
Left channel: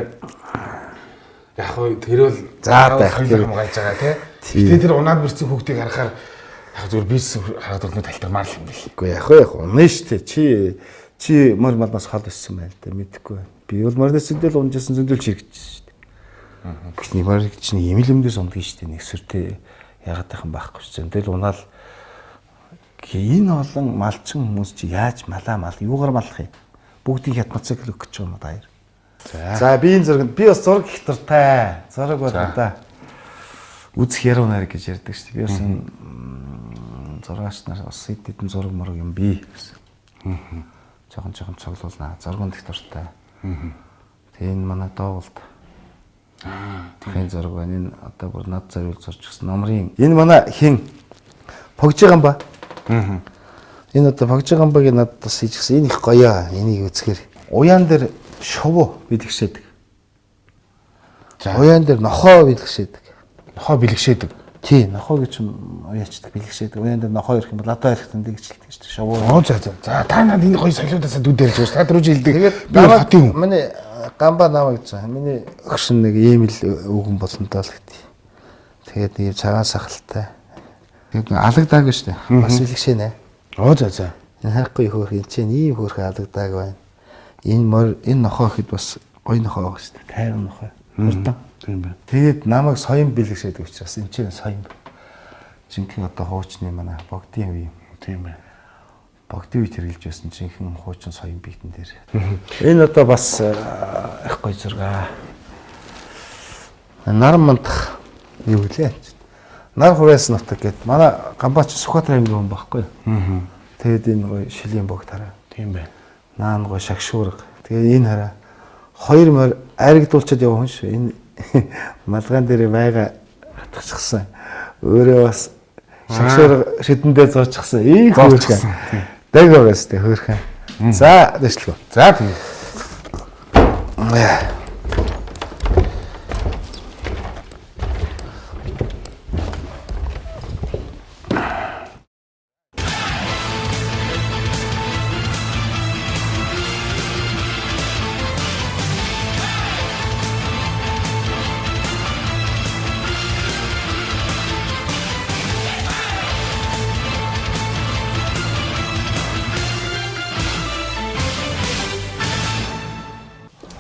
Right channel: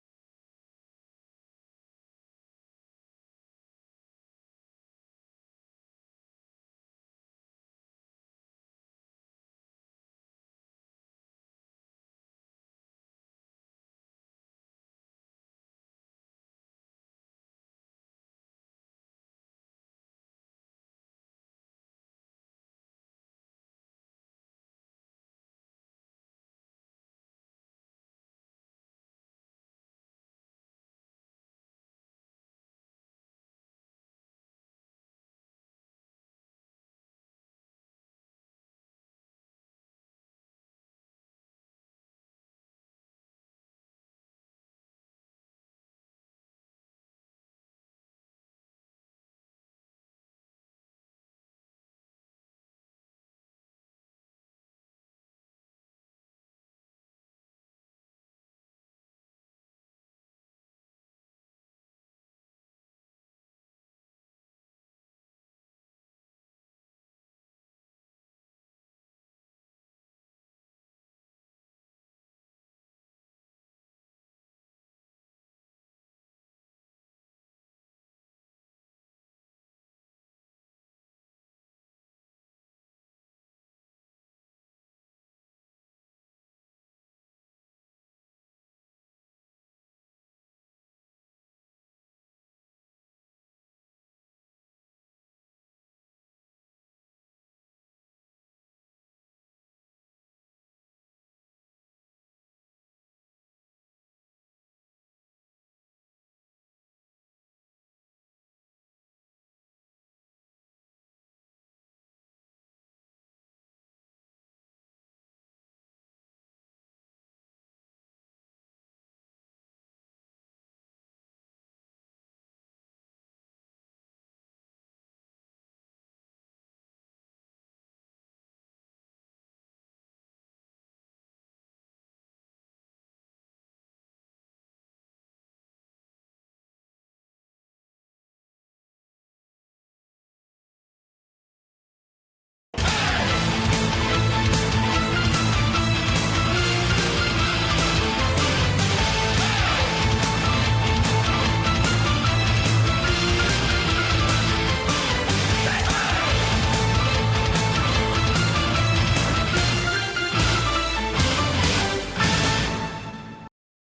яг хөө тэрвэл тэр юм гайж байгаа тий. Гэтэ тэр унаад бэрцэн хүүхдийг харахаар яг зүгээр бизнес хараад өрнөд талтармаар л юм бэл. Үгүй яг унаа штэ чи мөр малнаас хол өссөн байл да мэдхгүй. Би бол морнос зөндөл унжсэн зөндөл чирэгдсэн штэ. Гэвч мөр чинь имэлэмдээс ундгийн штэ нэг сүртэй ягаад тайхан байхгүй ш. Зөндөл унаал энэ олон малчин хүмүүс чи яаж мал юугаар малах юм? Бүгдийг мотоцикл өгч байгаа юм даяар. За би энэ зурганд би бас зураг их дуртай. Зураг байна да. Үзэх яруу найраг гэж ярьдаг шүү дээ. Би бас энэ зураач нар бас хэдэн зураг мураг юм би гэсэн. Жохон цоглуулнаа. Зурганд их дуртай. Тэгээ энэ манай доолд. Тэгэхээр зураг байна. Энэ одоо бүр над зориул зурж гисэн номрын. Энэ манай хин погжиган ба. Энэ одоо погжигамбагийн надад бас хийчихсэн. Энэ их гоё. Энийг үзэхээр уяан дээр шувуу бэлгшээдэг. Уяан дээр нохоо бэлгшээдэг. Нохоо бэлгшээдэг. Тий, нохоо гэж уяачдаг бэлгшээдэг. Уяан дээр нохоо ирэх юм бол одоо ирэх тэндээ гिचэлдэг шүү дээ. Шувуу. За та надад энэ гоё солиудаасаа дүүдэрж байгаа ш. Та дөрөв жилдэг. Тэгээд би хотын хүн. Миний гамба намаа гэж байгаа. Миний өгшин нэг ийм л өгөн болсонтой л гэдэг. Тэгээд нэг цагаан сахалтай. Тэгээд алагдаа гэж шүү дээ. Бас бэлгшээнэ. За. Энэ хайхгүй хөөх энэ чинь ийм хөөрхөн алгадаг байна. Энэ нохоо ихэд бас гоё нохоо байгаа шүү дээ. Тайван нохоо. Хурдан. Тийм байна. Тэгээд намайг соён бэлгшээдэг учраас энэ чинь соён. Жинхэнэ одоо хуучны манай богдын үе. Тийм байна. Богдын үе хэрэгжилж байсан жинхэнэ хуучин соён биетэн дээр. Энэ одоо бас их гоё зураг. Нар мандах юу гэлээ. Нар хурээс нутаг гэдэг. Манай Гамбаач Сүхбаатар аймгийн хүн байхгүй юу? Тэгээд энэ гоё шилийн богд хараа. Тийм байна. Наан гоё шагшуурга. Тэгээд энэ хараа. Хоёр морь айрагдуулчаад яваа хүн шүү. Энэ малгайн дээр байгаа хатчихсан. Өөрөө бас шагшуурга шидэндээ зоочихсан. Ийм хөөрхөн. Дэг байгаас тэ хөөрхөн. За дэвшлээ. За тийм.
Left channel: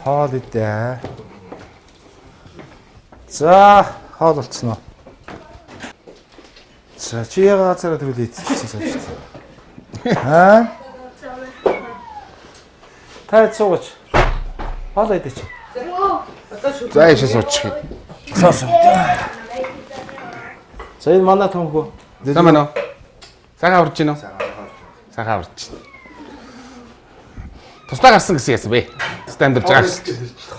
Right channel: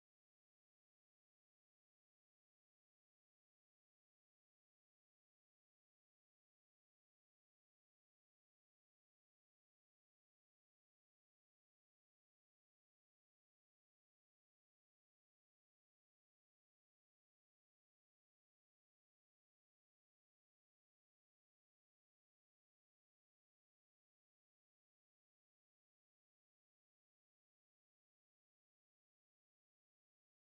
Хоол идэ. За, хоол болцсон уу? За, чи яга газараа төрөл идчихсэн сая шүү дээ. Аа? Та цуугач. Хоол идэ чи. За яшаа суучих. Саас. За, энэ манай томхөө. Сайн байна уу? Цагаан аварч гинөө? Цагаан аварч. Тусдаа гарсан гэсэн яасан бэ? Тусдаа амьдарч байгаа.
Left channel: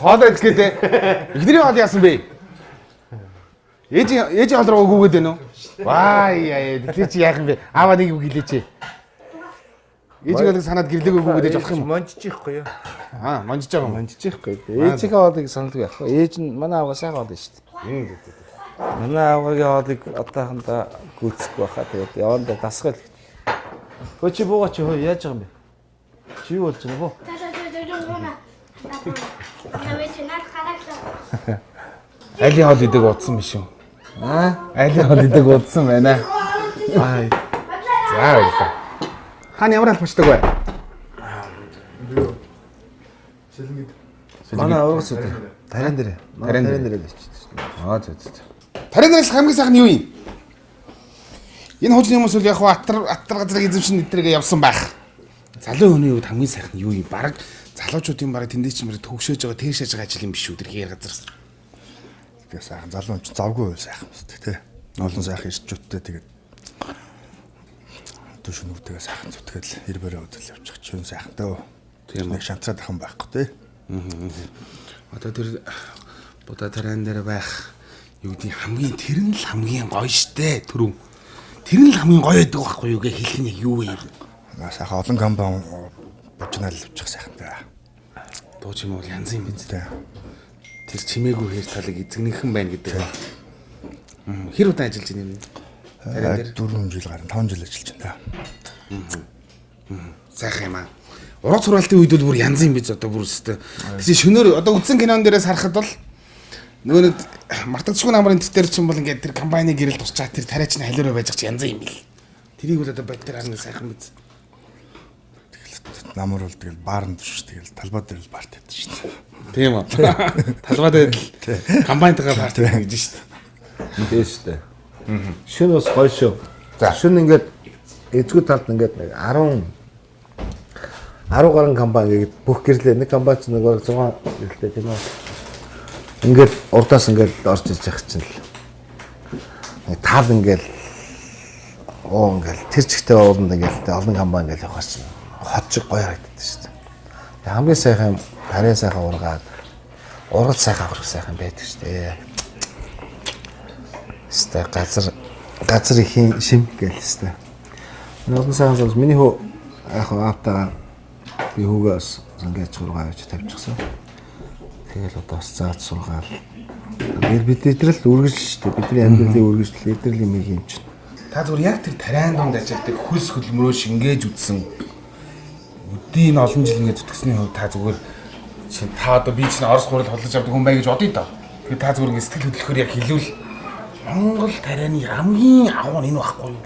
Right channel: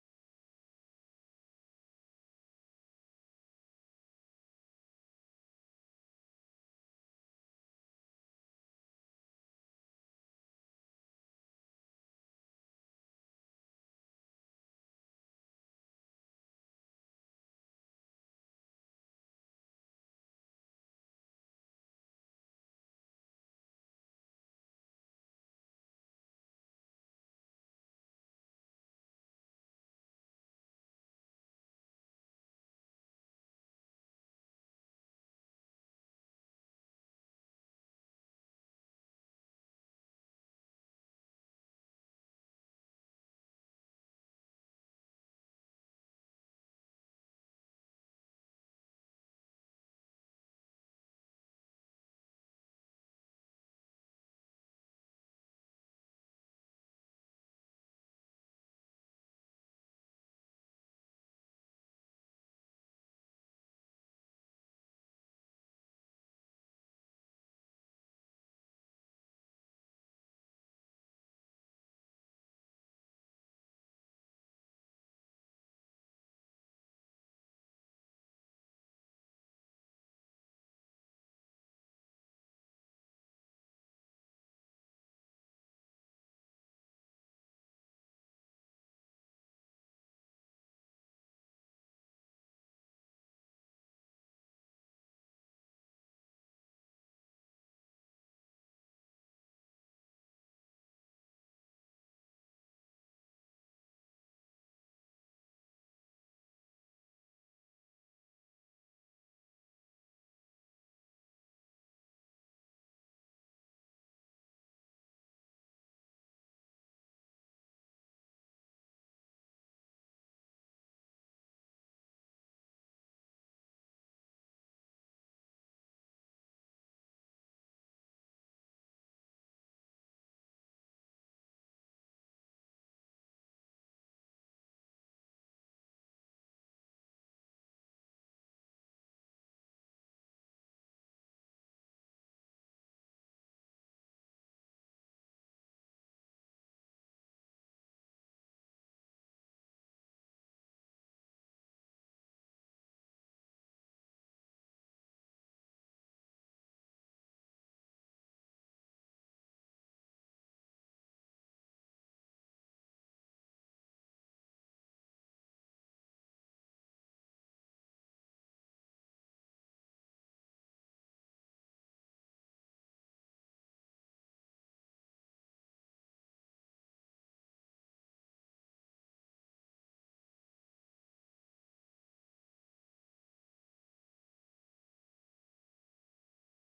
Хоол идэх гэлээ. Эхнэрийн хоол яасан бэ? Ээж хоол руу гүгээд байна уу? Вай яа, чи яах юм бэ? Аава нэг үг хэлээч. Ээж хоолыг санаад гэрлээгөө гүгээд явах юм. Монжичихгүй юу? Аа, монжиж байгаа юм. Монжичихгүй. Ээжийн хоолыг саналгүй яах вэ? Ээж нь манай аавгаа сайн хоол шүү дээ. Манай аавгагийн хоолыг одоохондоо гүйцэхгүй байхаа тэгээд явандаа дасгал. Хөө чи буугаа чи хөө яаж байгаа юм бэ? Чи юу болж байгаа боо? Айлын хоол идэг удсан биш үү? Аа? Айлын хоол идэг удсан байна. Аа. За баярлалаа. Хаана ямар албачдаг вэ? Манай ургас үү? Тарин дээр. Тарин дээр. Тарин дээр л ичдэг шүү дээ. Аа зөв. Тарийн нараас хамгийн сайхан нь юу юм? Энэ хуучны хүмүүс бол яг хуу аттар газрыг эзэмшин нэтргээ явсан байх. Залуу хүний үед хамгийн сайхан нь юу юм? Бараг залуучуудын бараг тэндээ ч мөрөд төгшөөж байгаа тэгшээж байгаа ажил юм биш үү тэр газар. Тэгээ сайхан залуу ч завгүй байл сайхан үстэй тий. Олон сайхан ирчүүдтэй тэгээд төшнүүдтэйгээ сайхан зүтгээл ирбэрээ үзэл явчих чинь сайхан дөө. Тийм нэг шантраад ахын байхгүй тий. Одоо тэр Будаа тарайн дээр байх юу гэдэг хамгийн тэр нь л хамгийн гоё штэ түрүү. Тэр нь л хамгийн гоё байдаг байхгүй юу гэж хэлэх нь юу вэ? Сайхан олон компани бочнал явчих сайхан даа. Дуу чимээ бол янз юм биз дээ. Тэр чимээгүй хэр талыг эзэгнийхэн байна гэдэг. Хэр удаа ажиллаж байна юм? 4 жил гарan 5 жил ажиллаж байна. Сайхан юм аа. Уран сургалтын үед бол бүр янз юм биз одоо бүр өстэй. Тэгсэн шөнөөр одоо үзсэн кинон дээрээс харахад бол нөгөө нэг мартагдчихгүй намрын тэтэр чинь бол ингээд тэр компани гэрэл тусчаа тэр тариач нь халиураа байж янз юм бил. Тэрийг бол одоо бод тэр харна сайхан биз. Намар бол тэгэл баарнд шүү тэгэл талбай дээр л барт байдаг шүү дээ. Тийм үү. Талбай дээр л компанитайгаа барт байдаг гэж шүү дээ. Тийм шүү дээ. Шүн бас гоё шүү. За шүн ингээд эзгүй талд ингээд 10 гаруй компани гээд бүх гэрлээ нэг компани ч нэг 6 гэрлээ тийм үү. Ингээд урдаас ингээд орж ирж явах чинь л нэг тал ингээд ингээд тэр чигтэй ууланд ингээд олон компани ингээд явах чинь хот шиг гоё харагддаг шүү дээ. Хамгийн сайхан тарийн сайхан ургаад урал сайхан аврах сайхан байдаг шүү дээ. Сте газар ихийн шим гэлээ. Нэг сайхан зүйл миний хөө яг аавтаа би хүүгээс ингээд зураг авч тавьчихсан. Тэгэл одоо бас зааж сургаал. Бид нэтрэл үргэлж шүү дээ. Бидний амьдралын үргэлжлэл нэтрэл юм юм чинь. Та зүгээр яг тэр тариан донд ажилладаг хөлс хөлмөрөө шингээж үтсэн өдийн олон жил ингээд зүтгэсний хувьд та зүгээр та одоо би чинь Орос гурал холдож авдаг хүн бай гэж бодъё доо. Тэгэхээр та зүгээр ингээд сэтгэл хөдлөхөөр яг хэлвэл Монгол тарианы хамгийн агуу нь энэ байхгүй юу?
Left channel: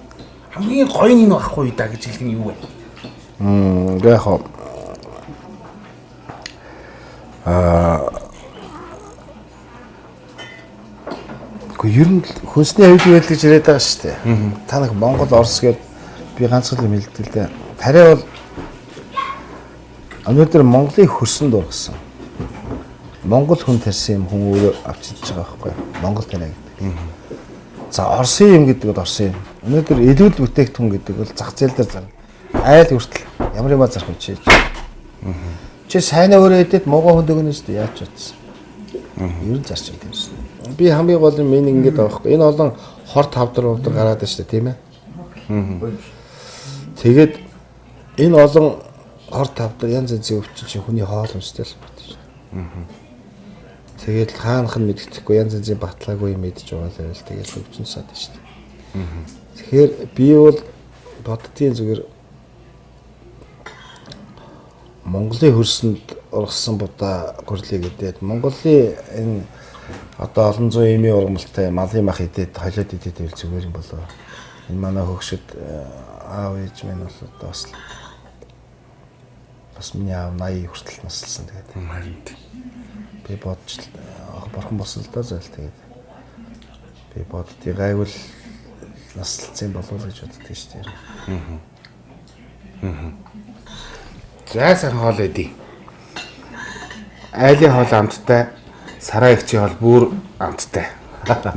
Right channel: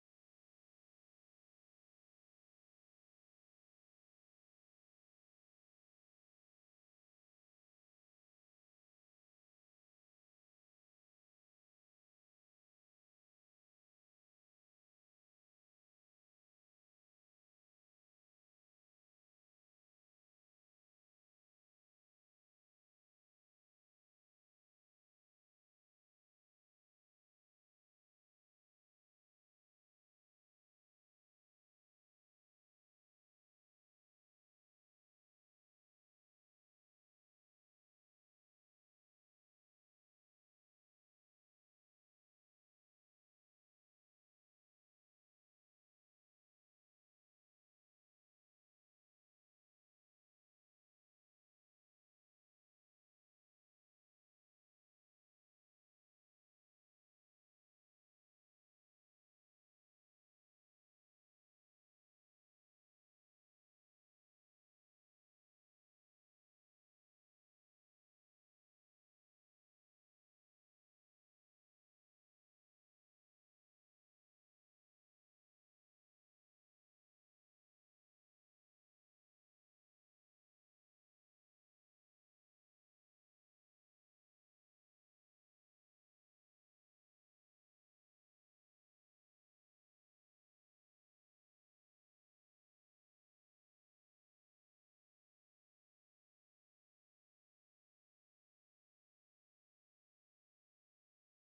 Хамгийн гоё нь энэ байхгүй юу да гэж хэлэх нь юу вэ? Яг ер нь хүнсний аюул байдал гэж яриад байгаа шүү дээ. Та нэг Монгол Орос гээд би ганцхан юм хэлдэг л дээ. Тариа бол өнөөдөр Монголын хөрсөнд ургасан. Монгол хүн тарьсан юм хүн өөрөө авч идэж байгаа байхгүй юу? Монгол тариа гэдэг. За Оросын юм гэдэг бол Оросын юм. Өнөөдөр элүүл бүтээгдэхүүн гэдэг бол зах зээл дээр зарна. Айл хүртэл ямар юм зарах юм чийж. Чи сайнаа өөрөө идэт муухай хүн дөгнөөс дээ яаж чадсан. Ер нь зарчим тийм шүү. Би хамгийн гол юм энэ ингэж байгаа байхгүй. Энэ олон хор тавдар гараад байна шүү дээ тийм ээ. Тэгээд энэ олон хор тавдар янз янзын өвчин чи хүний хоол өмстэй л байна шүү. Тэгээд хаанах нь мэддэхгүй янз янзын баталгаагүй юм мэдж байгаа л байл тэгээд өвчин саад байна шүү. Тэгэхээр би бол боддгийн зүгээр Монголын хөрсөнд ургасан будаа гурлыг идээд Монголын энэ одоо олон зуун эмийн ургамалтай малын мах идээд холиод идээд байл зүгээр юм болоо. Энэ манай хөгшөд аав ээж минь бол одоо бас миний аав 80 хүртэл наслсан тэгээд. Би бодч борхон болсон л доо зал тэгээд. Би боддгийг гайвал наслцсан болов уу гэж боддгийг шүү дээ. За сайхан хоол өгье. Айлын хоол амттай, сараа ихчийн хоол бүр амттай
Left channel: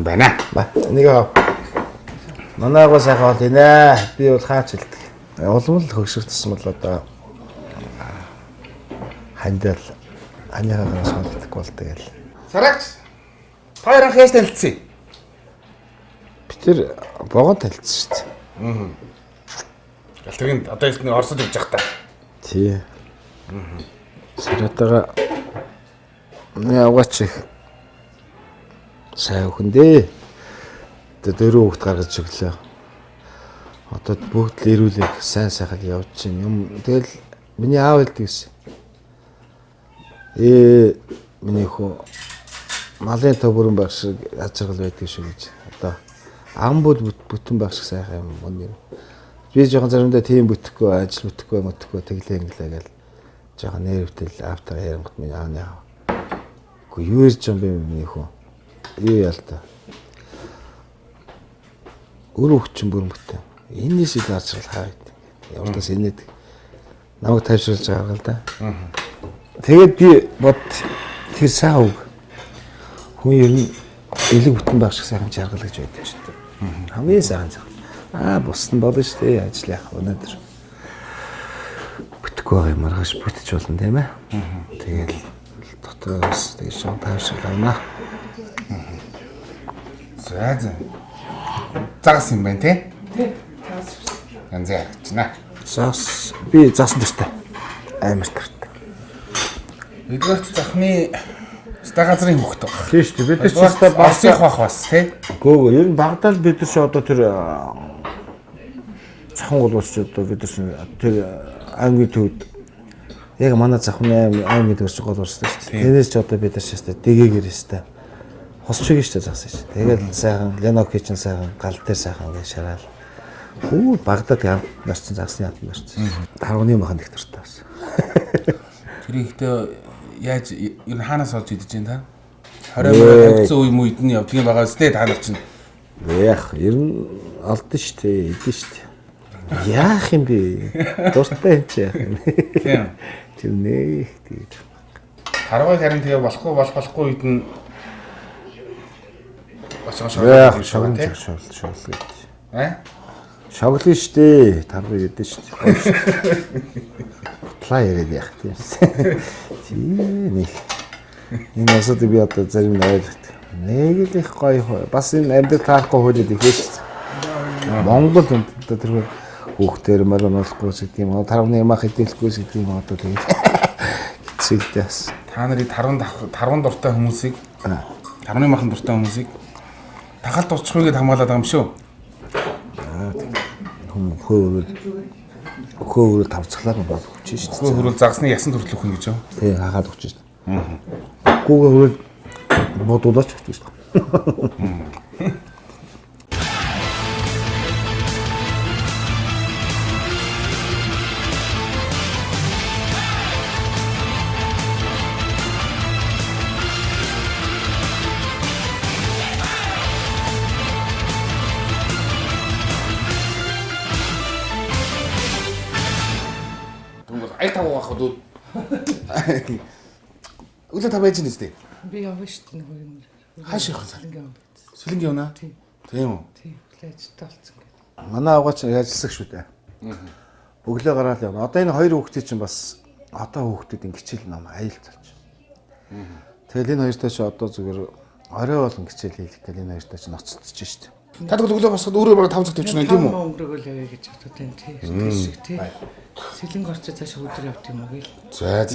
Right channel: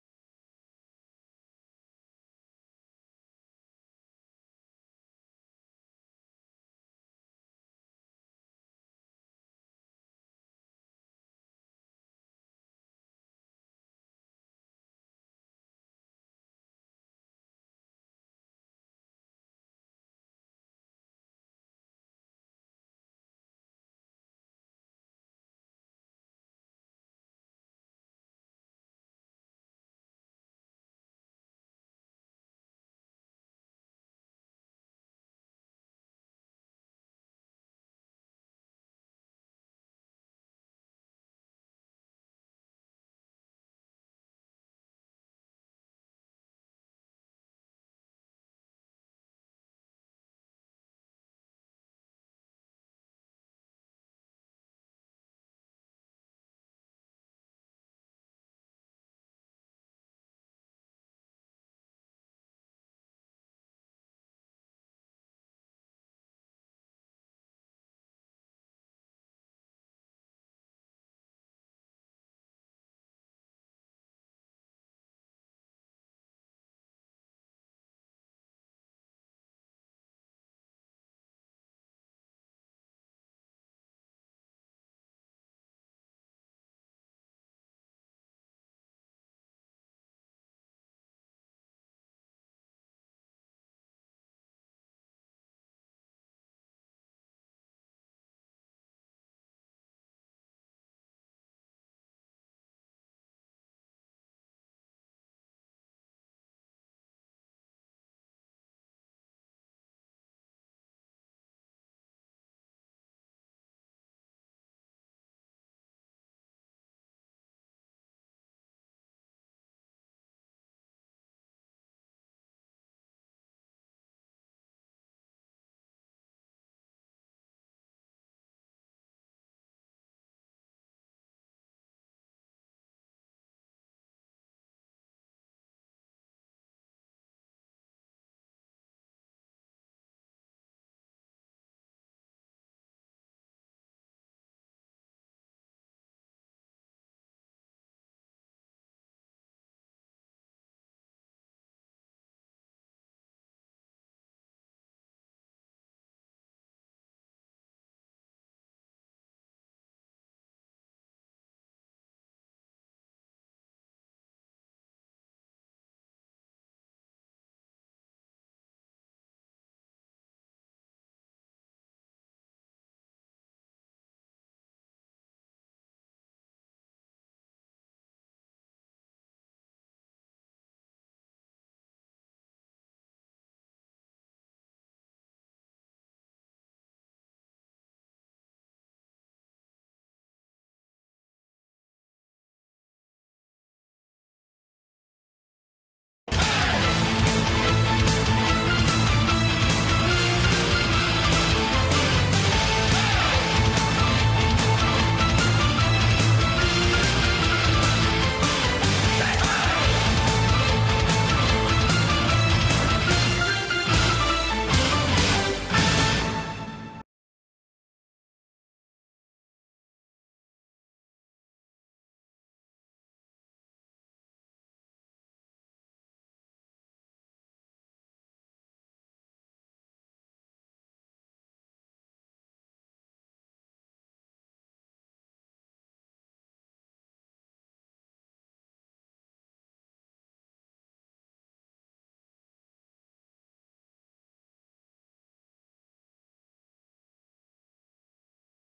байна. Нэг манайгаа сайхан хоол инэ. Би бол хаач хэлдэг. Улам л хөгшөртсөн бол одоо хандал аниагаас холддог болдог гэл. Сараач. Хоёр анх яаж танилцсан? Бид тэр богонд танилцсан шүү дээ. Галтэгэнд одоо ихний Оросд явж байгаа та. Тий. Саратага яваач их сайн хүндээ. Дөрөв хүүхд гаргаж өглөө. Одоо бүгд л ирүүлээ сайн сайхан явж чинь юм. Тэгэл миний аав хэлдэг гэсэн. Миний хөө малын төбөрөн байх шиг ачаал байдаг шүү гэж. Одоо ам бүтэн байх шиг сайхан юм үнэ. Би жоохон заримдаа тийм бүтэхгүй ажил бүтэхгүй тэглээ инглээ гэл жоохон нэрвтэл автаа ярангт миний ааны аа. Гэхдээ юу ярьж байгаа юм бэ миний хөө? Юу ял та. Өөрөө хүчин бүрмөттэй. Энэс их ажрал хаа гэдэг. Явдаас инээд намайг тайвшруулж байгаа л да. Тэгээд би бод тэр сайн үг. Хүн ер нь элэг бүтэн байх шиг сайхан жаргал гэж байдаг шүү дээ. Хамгийн сайхан жаргал. Бус нь болно шүү дээ. Ажил яах өнөөдөр. Бүтэхгүй байгаа маргааш бүтэж болно тийм ээ. Тэгээд дотоос тэгээд шон тайвшруулна. За. Загас юм байна тий? Тий. Загас. Янз яачна. Зас би заасан төстэй. Амар тарт. Эдгээрт захны стагазрын хөхт баг. Тийм шүү дээ. Бид нар ч басих бах бас тий? Гөө ер нь Багдад бид нар ч одоо тэр цахан голуулч одоо бид нар тэр аймгийн төвд яг манай цахны аймгийн төвч гол урсдаг шүү дээ. Тэрээс ч одоо бид нар шээ дэгээгээр өстэй. Хосчиг шүү дээ заасан шүү. Тэгээд сайхан Леноки ч сайхан гал дээр сайхан гэж шараал. Багдад нарцсан загсны хат нарцсан. Тарганы махан их дуртай бас. Тэр ихтэй яаж ер нь хаанаас олж идэж байна та? 20 мөр тавьсан үе мүйд нь явдгийн байгаа үстэй та нар чинь. Яах ер нь алдсан шүү дээ. Идэн шүү дээ. Яах юм бэ? Дуртай юм чи яах юм. Тийм. Тэр нэх тэгээд. Таргыг харин тэгээ болохгүй үед нь Яах шогн шогл гэж. Шоглон штэ. Таргыг идэн штэ. Плай яриад яах тийм. Тийм. Энэ асууд би одоо зарим нь ойлгох. Нэг л их гоё. Бас энэ амьд таахгүй хөлөд их шүү. Монгол одоо тэр хүүхдээр мөрөнөлөхгүй гэдэг юм. Тарганы ямах хэдэлэхгүй гэдэг юм одоо тэгээд хэцэгдээс. Та нарыг тарван дуртай хүмүүсийг тарваны махан дуртай хүмүүсийг тахалт уучихгүйгээд хамгаалаад байгаа юм шүү. Хөөөрөл тавцглаар бол хүчиж шүү. Хөрөл загсны ясан төрөлөх хүн гэж юу? Тий, хахаад өгч шүү. Гүүгээ хөрөл бодуулаач өгч шүү. Ай тав واخ дүү. Үлээ та байж нэстэй. Би явна шүү дээ нэг юм. Хааш явах вэ? Сэлэнг явна. Тийм үү? Тийм. Лээжтэй болсон гэдэг. Манай авгаач ажилласан шүү дээ. Өглөө гараад явна. Одоо энэ хоёр хүүхдийн чинь бас одоо хүүхдүүд ингэ хичээл ном аюул болж. Тэгэл энэ хоёртой ч одоо зүгээр орой болон хичээл хийх гэл энэ хоёртой ч ноцтож шүү дээ. Та өглөө босоход өөрөө бараг 5 цаг төвчнө тийм үү? Өнгөрөөгөл явъя гэж бодод байна тий. Тийшг тий. Сэлэнг орчоо цааш өдөр явт юм уу гээл. За.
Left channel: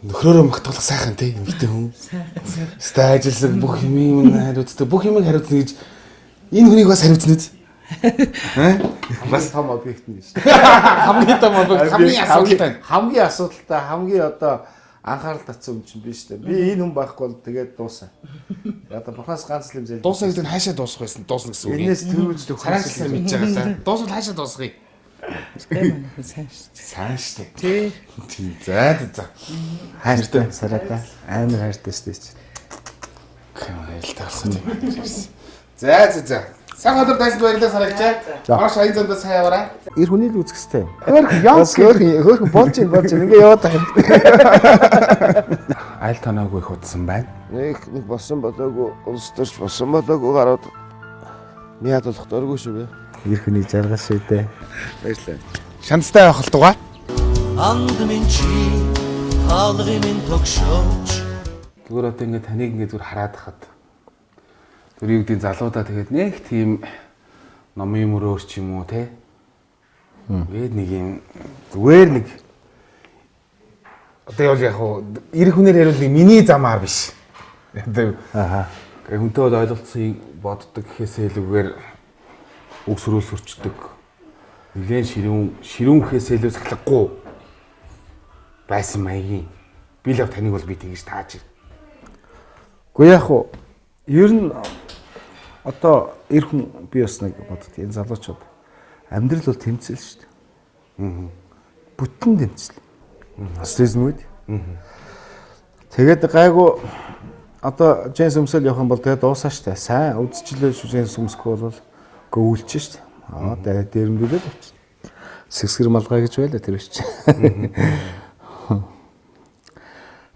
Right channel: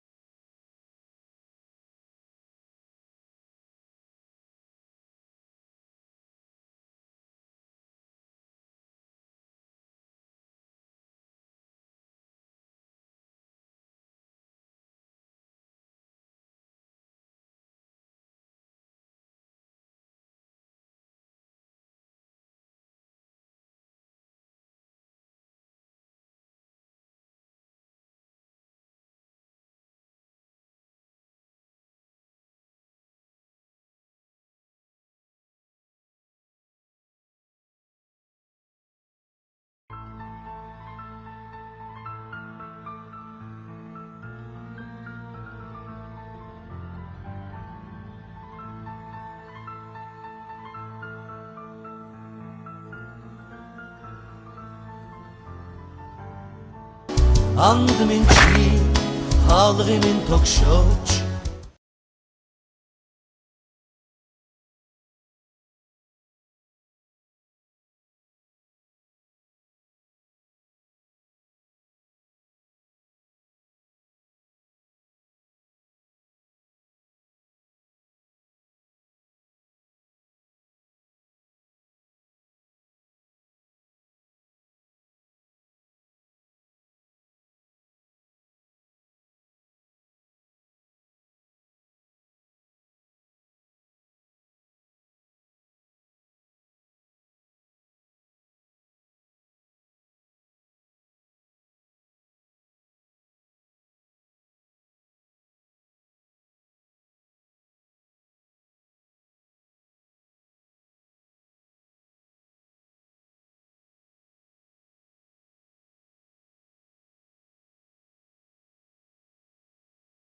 Нөхрөөрөө магтуулах сайхан тий эмэгтэй хүн. Сайхан. Ажиллаг бүх юм хариуцдаг. Бүх юмыг хариуцна гэж энэ хүнийг бас хариуцна үз. Бас том объект нь шүү. Хамгийн том объект, хамгийн асуудалтай. Хамгийн асуудалтай, хамгийн одоо анхаарал татсан юм чинь биш үү? Би энэ хүн байхгүй бол тэгээд дуусаа. Одоо бурхаас ганц л юм зээл. Дуусах гэдэг нь хаашаа дуусах байсан? Дуусна гэсэн үг. Энээс төрүүлж Хараалсан мэдж байгаа та. Дуусвал хаашаа дуусгая? Сайн шүү дээ. Тийм. За. Хайртай сарата. Амар хайртай шүү дээ. Камайл тавсан юм. За. Сайн өдөр дайсанд баярлалаа сарагчаа. Маш аян зандаа сайн яваарай. Ир хүний л үзэх хэвээр. Хөөх болж ингээ яваад байгаа. Айл танаагүй их удсан байна. Нэг босон болоогүй, улс төрч босон болоогүй гараад яад болох дөргүй шүү бай. Ир хүний жаргал шүү дээ. Баярлалаа. Шанцтай байх болтугай. Анд минь чи хаалгын минь тогшооч. Зүгээр одоо ингээ таныг ингээ зүгээр хараад хахад тэр юу гэдгийг залуудаа тэгээд нэг тийм номын мөрөөр ч юм уу те. Тэгээд нэг юм зүгээр нэг одоо яв яг хуу эр хүнээр яриул нэг миний замаар биш. Одоо хүнтэй бол ойлголцыг боддог гэхээсээ илүүгээр үг сүрүүл сурчдаг. Нэгэн ширүүн гэхээсээ илүү сахлахгүй байсан маягийн. Би л таныг бол би тэгж тааж. Гэхдээ яг хуу ер нь одоо эр хүн би бас нэг боддог. Энэ залуучууд амьдрал бол тэмцэл шүү дээ. Бүтэн тэмцэл. Стресс мүүд. Тэгээд гайгүй одоо Джеймс өмсөл явах юм бол тэгээ дуусаа штэ. Сайн үдчилээ шүү Джеймс өмсөхгүй бол гөөлч штэ. Дээрэмдүүлээд авчих. Сэсгэр малгай гэж байлаа тэр биш.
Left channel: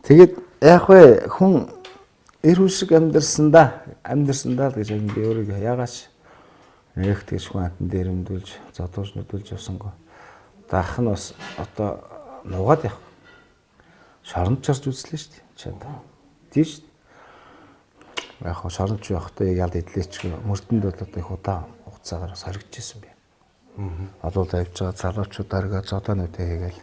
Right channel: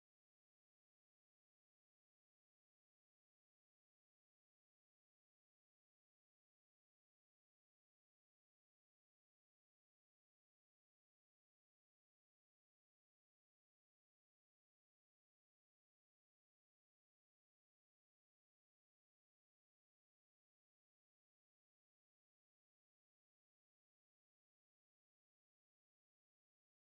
Тэгээд яг вэ хүн эр хүн шиг амьдрсандаа л гэж би өөрийгөө яагаач нэг тэгж хүн амтан дээрэмдүүлж зодуулж нүдүүлж явсангүй. Даах нь бас одоо нугаад явах. Шоронд чарж үзлээ шүү дээ. Чад. Тийш. Яг шоронд явахдаа ялд идлээч мөрдөнд бол одоо их удаан хугацаагаар соригдчихсэн би. Одоо л авч байгаа залуучуудааргаа зодоонуудаа хийгээл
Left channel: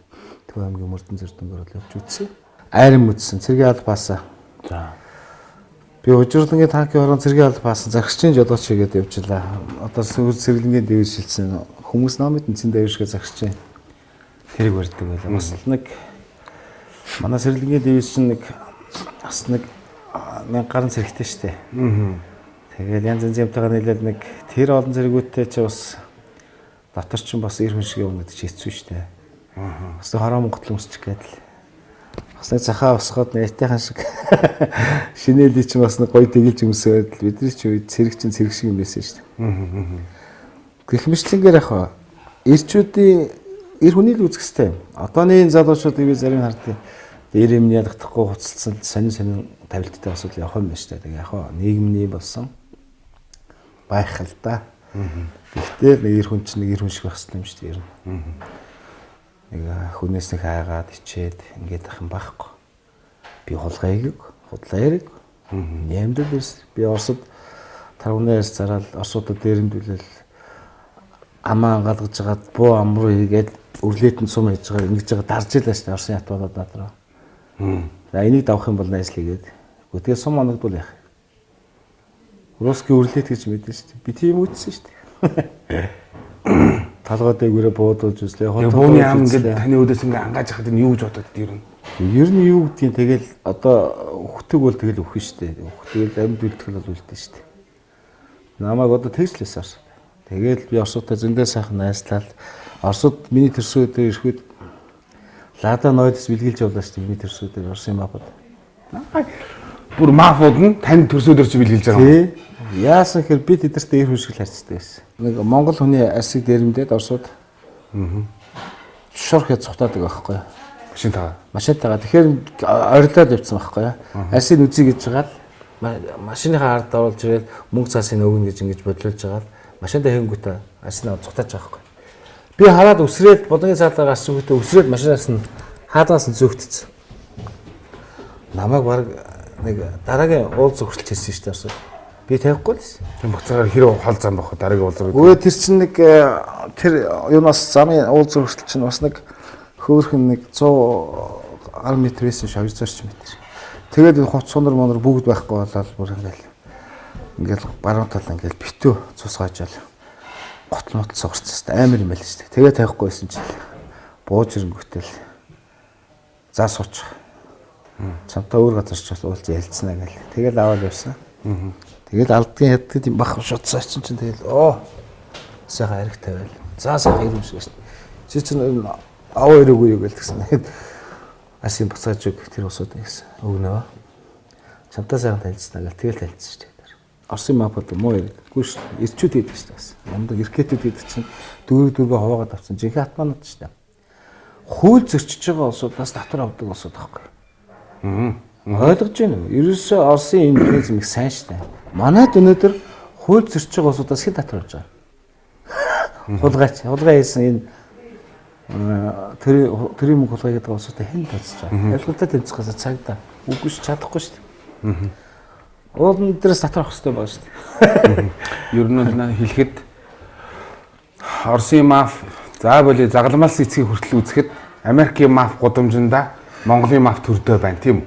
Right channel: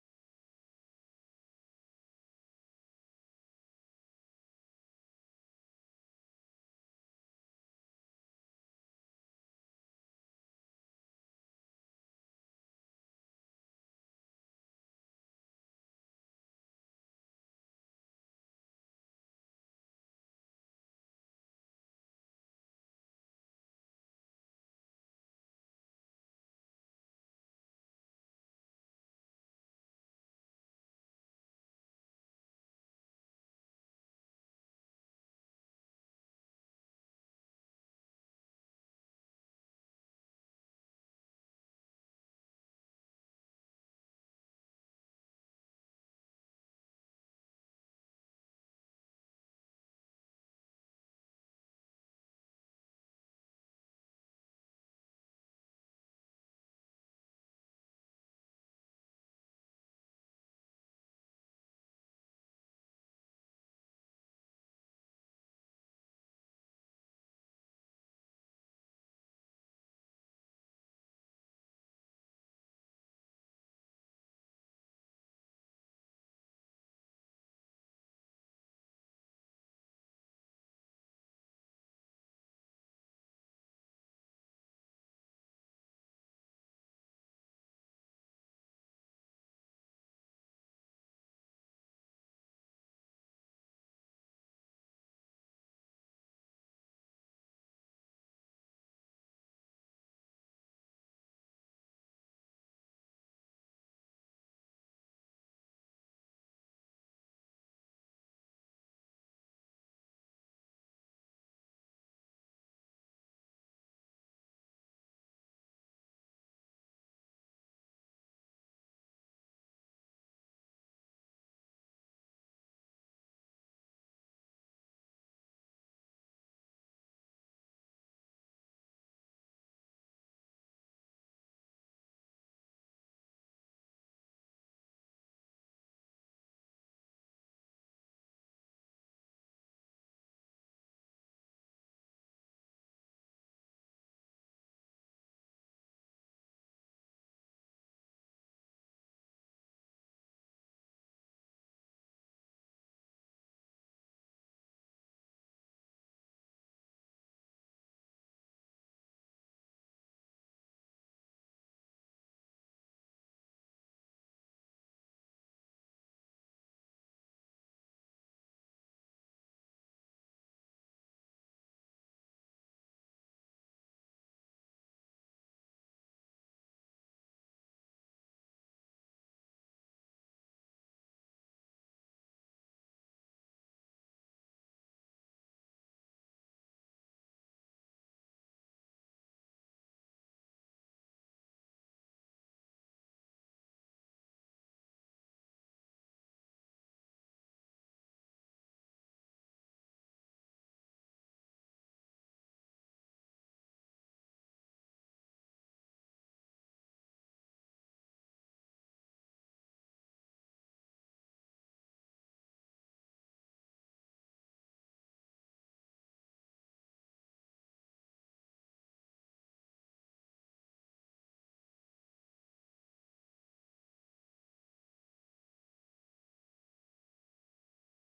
Төв аймгийн мөрдөн зэрдэнгээр л явж үзсэн. Айран мэдсэн цэргийн албаасаа. За. Би Ужирлангийн танкийн орон цэргийн албаасан загсчин жолооч хийгээд явжлаа. Одоо сэргэлэнгийн дэвж шилсэн хүмүүс намайг тэнцэн дэвшгээ загсчин. Тэрийг барьдаг байлаа. Бас нэг манай сэргэлэнгийн дэвж чинь бас 1000 гаруй зэрэгтэй штэ. Тэгээд янз янз юмтайгаа нийлээд нэг тэр олон зэрэгүүттэй чи бас дотор ч бас эр хүн шиг юм гэдэг чи хэцүү штэ. Бас хороо Монгол өмсчих гээд л. Бас нэг захаа усгаад нэртэйхэн шиг шинэлий ч бас нэг гоё тэгэлж өмсөөд л бидний ч үед цэрэг чинь цэрэг шиг юм байсан штэ. Гэх мэтлэнгээр яхаа эрчүүдийн эр хүний л үзэх хэвээр. Одооны залуучуудыг би зарим харддаг. Эр юм ядагдахгүй хуцалсан сонин тавилттай асуудал явах юм байна штэ. Тэгээ яхаа нийгэмний болсон байх л да. Гэхдээ нэг эр хүн чинь нэг эр хүн шиг байх хэрэгтэй юм шүү дээ. Нэг хүнээс нэг хайгаад ичээд ингээд ах юм байхгүй. Би худлаа яриг. Нямдад ирс. Би Оросд таргунаас зараад Оросуудад дээрэмдүүлэл амаа галгаж жагаад буу ам руу хийгээд өрлөөтөнд сум хийж байгаа ингэж байгаа дарж илаа шүү дээ. Оросын ятбалууд надраа. За энийг давах юм бол найслигээд. Тэгээ сум оногдвол яах. Русский өрлөөт гэж мэдэн шүү дээ. Би тийм үтсэн шүү дээ. Талгаа дээгүүрээ буудуулж үзлээ. Бууны ам ингээд таны өдөөс ингээд ангааж хахад нь юу гэж бодод ер нь? Ер нь юу гэдгийг тэгэл одоо өгтөг бол тэгэл өгөх шүү дээ. Өгтөг амьд үлдэх бол үлдэн шүү дээ. Намайг одоо тэгслээс Оросд. Тэгэл би Оростой зөндөө сайхан найзлал. Оросд миний төрсөд ирэхэд Лада нойлс бэлгэлж явлаа шүү дээ. Миний төрсөд Оросын мафууд. Бүр мафууд нь тань төрсөдөр чи бэлгэлж байгаа юм. Яасан хэр би тэдэртээ ир хүн шиг л харьцдаг байсан. Нэг Монгол хүний арсыг дээрэмдээд Оросууд шорх яд цухтаадаг байхгүй юу? Машинтайгаа. Тэгэхээр орилоод явцсан байхгүй юу? Арсыг үзье гэж жагаад машиныхаа ард оруулж ирээд мөнгө цаасын өгнө гэж ингэж бодлуулж жагаад машинтаа хэнгүүтээ арсыг цухтааж байгаа байхгүй юу? Би хараад өсрээд бодгийн цаалаа гарсан хүүхдээ өсрээд машинаас нь хаадаас нь зөөгдсөн. Намайг баг нэг дараагийн уул зөвхөрлж хэлсэн шүү дээ Оросууд. Би тавихгүй л байсан. Тийм буцаагаар хэрэв хол зам бах дараагийн уулзрал. Өө тэр чинь нэг тэр юунаас замын уул зөвхөрлөл чинь бас нэг хөөхөн нэг 100 м байсан ш 200 м. Тэгээд хувц сунар монор бүгд байхгүй болоод бүр ингээл баруун тал ингээл битүү цусгаажаал готмот согорцсон амар юм байл шүү дээ. Тэгээд тавихгүй байсан чинь бууж ирэнгүүтэл за сууч. Чамтай өөр газар ч уулз ялцсанаа гэл. Тэгэл аваад явсан. Тэгэл алдгийн яддаг юм бах шутсаа чинь тэгэл сайхан ариг тавиал. За сайхан юм шиг шин. Чи чинь аваа өрөөгүй юу гэлтгсэн. Асын буцааж өг тэр усууд гэсэн. Өгнөө. Чамтай сайхан танилцсанаа гэл тэгэл танилцсан шүү дээ. Оросын мафад муу ярихгүй шүү. Ирчүүд хийдэг шүү дээ. Ямдаг иркетүүд хийдэг чинь дөрөв хуваагаад авсан. Жинхэнэ атманууд шүү дээ. Хууль зөрчиж байгаа улсуудаас татвар авдаг улсууд байхгүй. Ойлгож байна уу? Ерөөсөө Оросын энэ механизм их сайн шүү дээ. Манайд өнөөдөр хууль зөрчиж байгаа улсуудаас хэн татвар авч байгаа? Хулгай хийсэн энэ тэрийн мөнгө хулгай гэдэг улсуудаа хэн татж байгаа? Ялгуутай тэмцэх гэсэн цагдаа. Үгүй ш чадахгүй шүү дээ. Уулын дээрээс татвар авах хэрэгтэй байна шүү дээ. Ер нь наа хэлэхэд Оросын маф за боли загламаас эцгийг хүртэл үзэхэд Америкийн маф гудамжинда Монголын маф төрдөө байна тийм үү?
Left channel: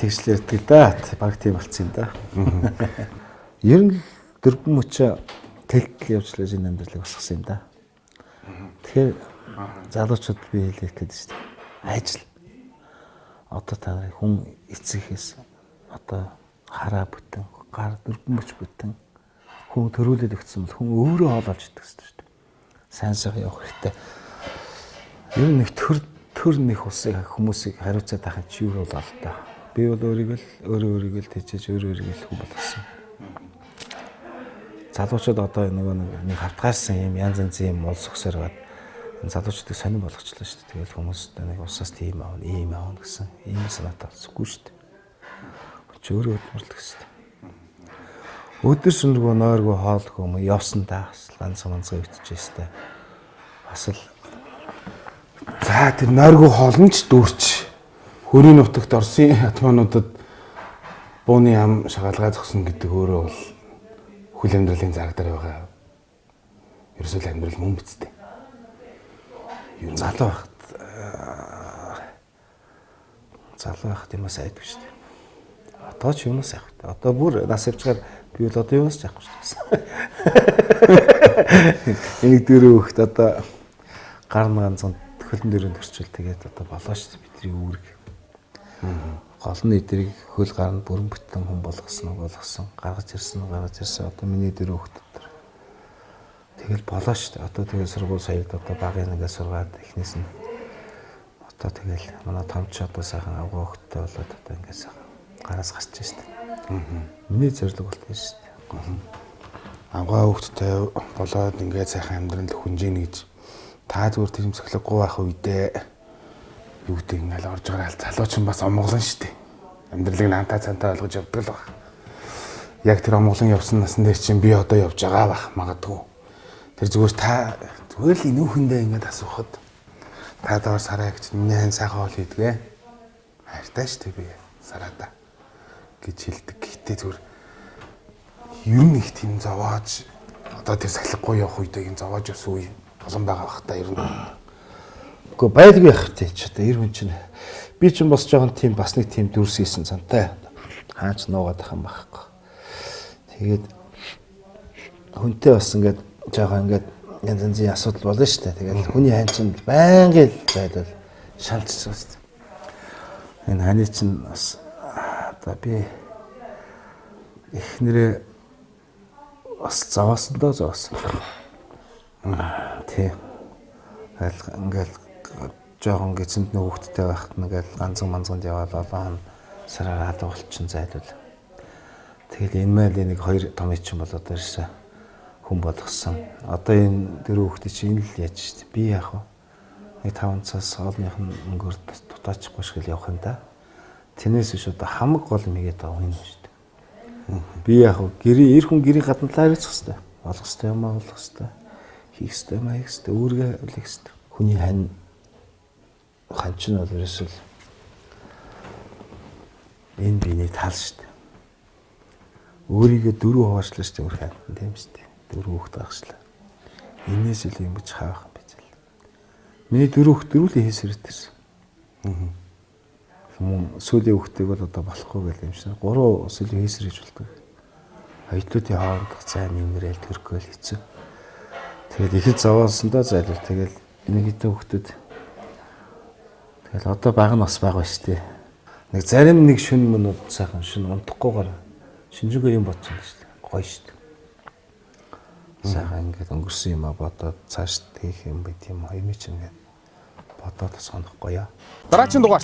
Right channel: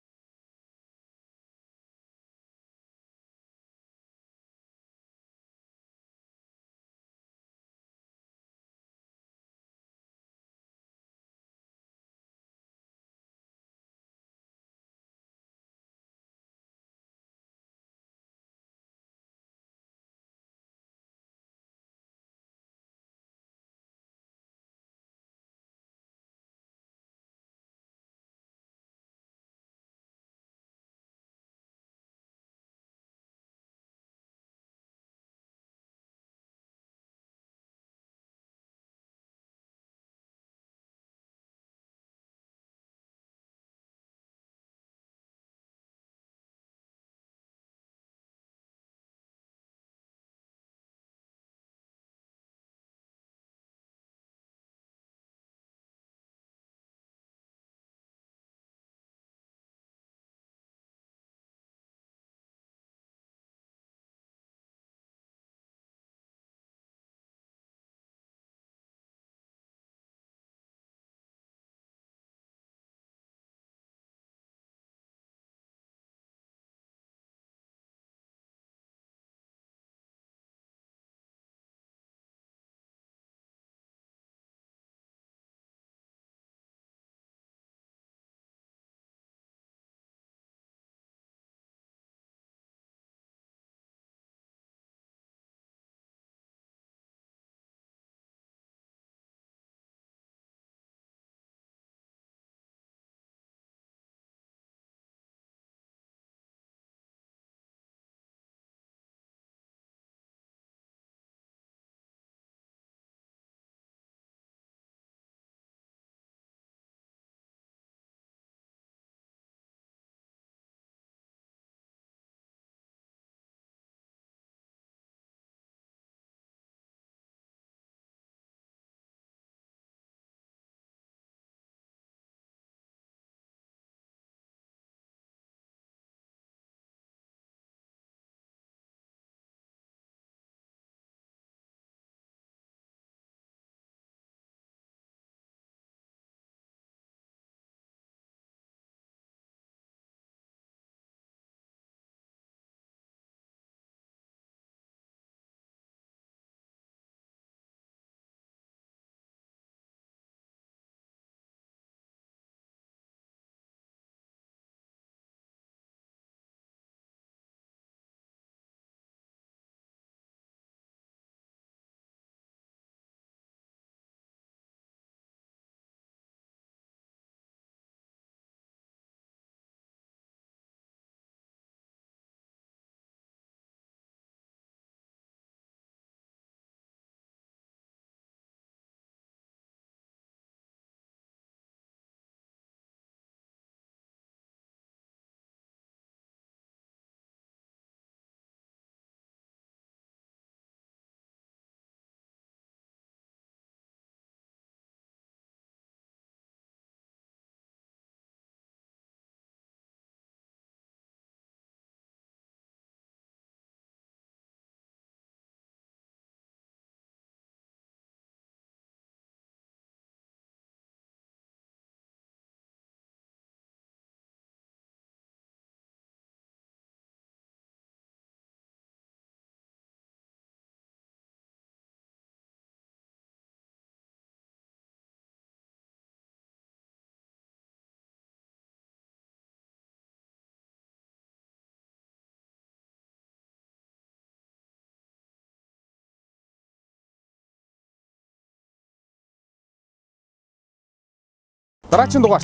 Тэгслэр ярьдаг да. Баг тийм болцсон юм да. Ер нь дөрвөн мөчөө тэлтэл явуулж энэ амьдралыг босгосон юм да. Тэгэхээр залуучууд би хэлэх гээд шүү дээ. Ажил. Одоо та нарын хүн эцэгээс одоо хараа бүтэн, гар дөрвөн мөч бүтэн хүн төрүүлээд өгсөн бол хүн өөрөө хоол олж идэх шүү дээ. Сайн сайхан явах хэрэгтэй. Ер нь нэг төр нэг усыг хүмүүсийг хариуцаад байхад чи юу бол та. Би бол өөрийгөө л тэжээж өөрийгөө л хүн болгосон. Залуучууд одоо нэг хавтгаарсан юм янз янзын юм улс өксөр гад залуучуудыг сонирн болгочлаа шүү дээ. Тэгэл хүмүүс нэг усаас тийм аавна, ийм аавна гэсэн ийм санаатай болсгүй шүү дээ. Чи өөрөө өдмөрлөх шүү. Өдөр шөнөгүй нойргүй хоолгүй юм явсан таас ганц манцаа өвтчихсэн. Бас л За тэр нойргүй хоолнч дүүрч хөрийн нутагт Оросын атмануудад бууны ам шагаалгаа зогсон гэдэг өөрөө бол хөл амьдралын зараг дээр байгаа. Ерөөсөө л амьдрал мөн бицтэй. залуу байхад юм сайдгүй шүү дээ. Одоо ч юунаас яах вэ? Одоо бүр нас явчихаар би бол одоо юунаас яахгүй шүү дээ. Энийг дөрөв хөхт одоо гар ганцхан хөлн дөрөнд төрчил тэгээд одоо болоо шүү дээ бидний үүрэг. Гол нь эдрийг хөл гаранд бүрэн бүтэн хүн болгосон гаргаж ирсэн одоо миний дөрөв хөхт дотор. Тэгэл болоо шүү дээ. Одоо тэгээд сургууль саяд одоо багын нэгээ сургаад эхнээс нь одоо тэгэл манай томч одоо сайхан авгаа хөхтэй болоод одоо ингээд сайхан гараас гарч шүү дээ. Миний зорилго болтгоо шүү дээ. Авгаа хөхттэй болоод ингээд сайхан амьдрал хүнжийн гэж та зүгээр тэмцэглэггүй байх үедээ юу гэдэг ингээл орж байгаа залууч нь бас омголон шүү дээ. Амьдралыг наантаа цантаа ойлгож явдаг л баг. Яг тэр омголон явсан насны дээр чинь би одоо явж байгаа бах магадгүй. Тэр зүгээр л инүүхэндээ ингээд асуухад та доор сараа гэж миний хэн сайхан хоол хийдгээ. Хайртай шүү дээ би сараада гэж хэлдэг. Гэхдээ зүгээр ер нь их тийм зовоож одоо тэр сахилахгүй явах үедээ юм зовоож ус үе болон байгаа бах та ер нь. Гэхдээ байдгүй явах тий ч одоо эр хүн чинь би ч бас жоохон тийм бас нэг тийм дүрсийсэн цантай хаач нуугаад ах юм байхгүй. Тэгээд хүнтэй бас ингээд жоохон ингээд янз янзын асуудал болно шүү дээ. Тэгээд хүний хань чинь байнгын зайлал шалжчихсан шүү дээ. Энэ ханы чинь бас одоо би эхнэрээ бас зовоосон. Тий. Ингээл жоохон гизэнд нэг хүүхдтэй байхад ингээл ганцхан манцганд яваад олон сараар хадаа болчихсон зайлвал. Тэгэл энэ майл нэг хоёр том чинь болоод ирсэн хүн болгосон. Одоо энэ дөрөв хүүхдээ чинь л яаж штэ. Би яах вэ? Нэг 5 цаас олонних нь өнгөөр дутаачихгүй шиг л явах юм да. Тэрнээс биш одоо хамаг гол юм игээд байгаа юм штэ. Би яах вэ? Эр хүн гэрийн гадна талаар хийх хэвээр. Болгох хэвээр юм аа болгох хэвээр. Хийх хэвээр маяг хэвээр. Үүргээ үлээх хэвээр. Хүний хань чинь бол ерөөсөл энэ биений тал штэ. Өөрийгөө дөрөв хаваачлаа штэ өөр хань тийм штэ. Дөрөв хүүхэд багшлаа. Энээс илүү юм гэж хаах юм байж л. Миний дөрөв хүүхэд дөрвөлээ хийсэрээд ирсэн. Сүүлийн хүүхдийг бол одоо болохгүй гэл юм шиг. 3 сүүлийн хийсэр хийж болдог. Хоёулын хоорондох зай нэмэрэл төрхөөл хэцүү. Тэгээд ихэд зовоосондоо зайлвал тэгэл энэ хэдэн хүүхдүүд тэгэл одоо баг нь бас баг ба штэ. Нэг зарим нэг шүн мөнүүд сайхан шүн унтахгүйгээр шинжгүй юм бодсон штэ. Гоё штэ. Сайхан ингээд өнгөрсөн юм а бодоод цааш хийх юм байт юм а юм чи ингээд бодоод сонох гоё. Дараагийн дугаар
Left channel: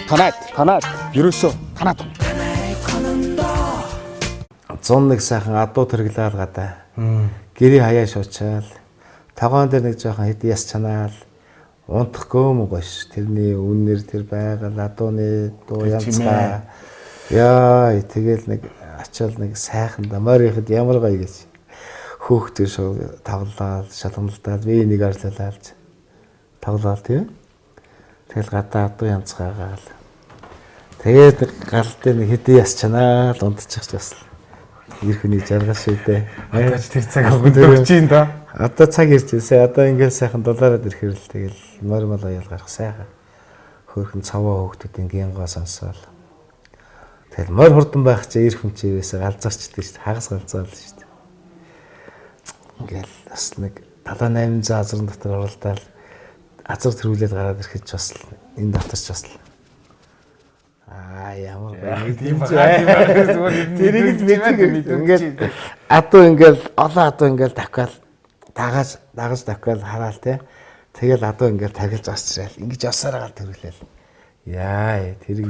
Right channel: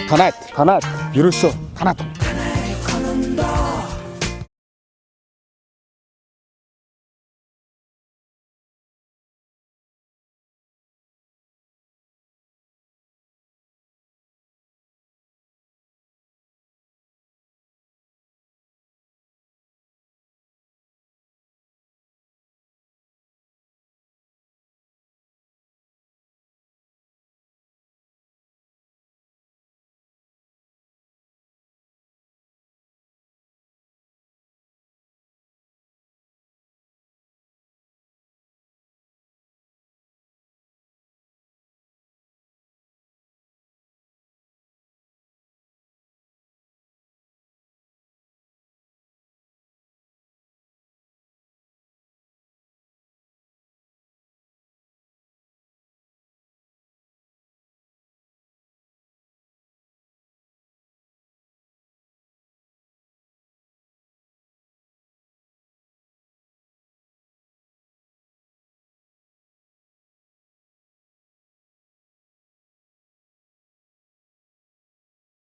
танаад ерөөсөө танаад 101 сайхан адуу тэрглээл гадаа. Гэрийн хаяа шуучаал. Тогоон дээр нэг жоохон хэд яс чанаал. Унтахгүй юм гош. Тэрний үннэр тэр байгаль адууны дуу янзгаа. Яа, тэгэл нэг ачаал нэг сайхан дамаар ихэд ямар гоё гэж. Хөөхтэй шууд тавлаад, шалгамлдаад би нэг арчлалаалж. Тавлаад тийм. Тэгэл гадаа адуу янзгаагаал. Тэгээд гал дээр нэг хэд яс чанаал унтчих бас. Ирхэний жаргал шидэ. одоо тэр цаг өгч юм да. Одоо цаг ирж ирсэн. Одоо ингээл сайхан дулаараад ирэхэр л тэгэл нормал аял гарах сайхан. Хөөхөн цаваа хөөхтүүд ингээнгоо сонсоол. Тэгэл морь хурдан байх чи ир хүн чивээсээ галзаарчдаг шүү дээ. Хагас галзаал шүү дээ. Ингээл бас нэг 7800 азрын дотор оролдоод азар төрүүлээд гараад ирэхэд ч бас энэ давтарч бас ямар тийм тэрийг мэддэг ингээд адуу ингээл олон адуу ингээл давхаал дагаж давхаал хараал те тэгэл адуу ингээл тархилж асчраал ингэж явсараа гал төрүүлээл Яа, тэрийг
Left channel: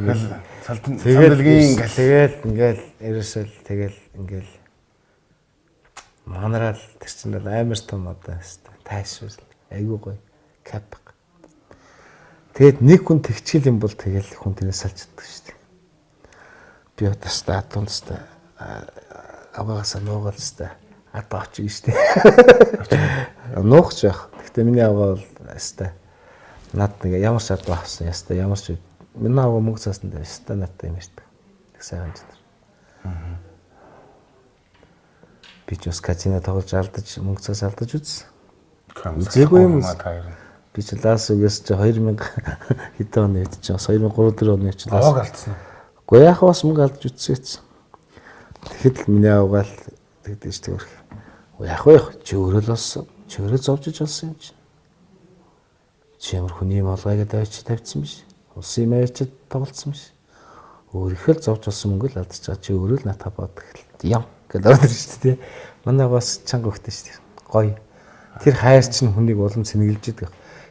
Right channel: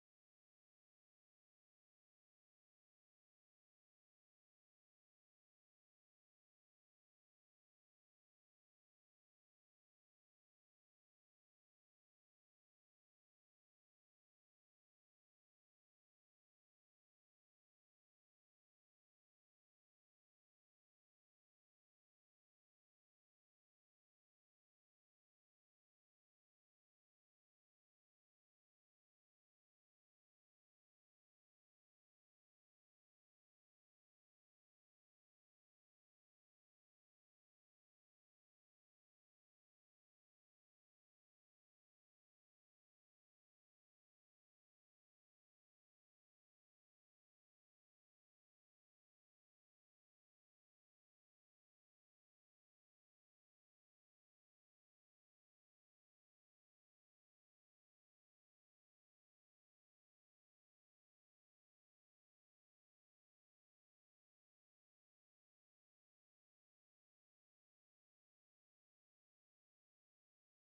Сандалгийн ингээл ерөөсөл тэгэл ингээл манараа л тэр чинь амар том одоо хэвээр тайшгүй айгуу гоё кап. Тэгэд нэг хүн тэгчил юм бол тэгэл хүн тэрээс салж чаддаг шүү дээ. Би одоо статунстай аваагасаа нуугаалстай одоо очиж шүү дээ. Нуугч яах. Гэхдээ миний аваа бол хэвээр над нэг ямар ч адуу авсан яста ямар ч миний аваа мөнгө цаасан дээр яста надтай юм шүү дээ. Тэг сайхан ч. Би ч бас казино тоглож алдаж мөнгө цаас алдаж үзсэн. Үзээгүй юм. Би ч лаас үгээс чи 2000 хэдэн оны үед чи 2003-4 оны үед лаас аваад алдсан. Уу яах бас мөнгө алдаж үзсэн. Тэгэхэд л миний аваа л тэгдэж тэр. Уу яах вэ? Чи өөрөө л болсон. Чи өөрөө зовж болсон юм чи. Чи ямар хүний молгайг давч тавьчихсан биш. Улсын юм авчид тоглолцсон биш. Өөрийнхөө л зовж болсон мөнгө л алдаж байгаа чи өөрөө л натаа бод юм гэдэг ордог шүү дээ. Манай бас чанга хөхтэй шүү дээ. Гоё. Тэр хайр чинь хүнийг улам цэнгэлж идэг.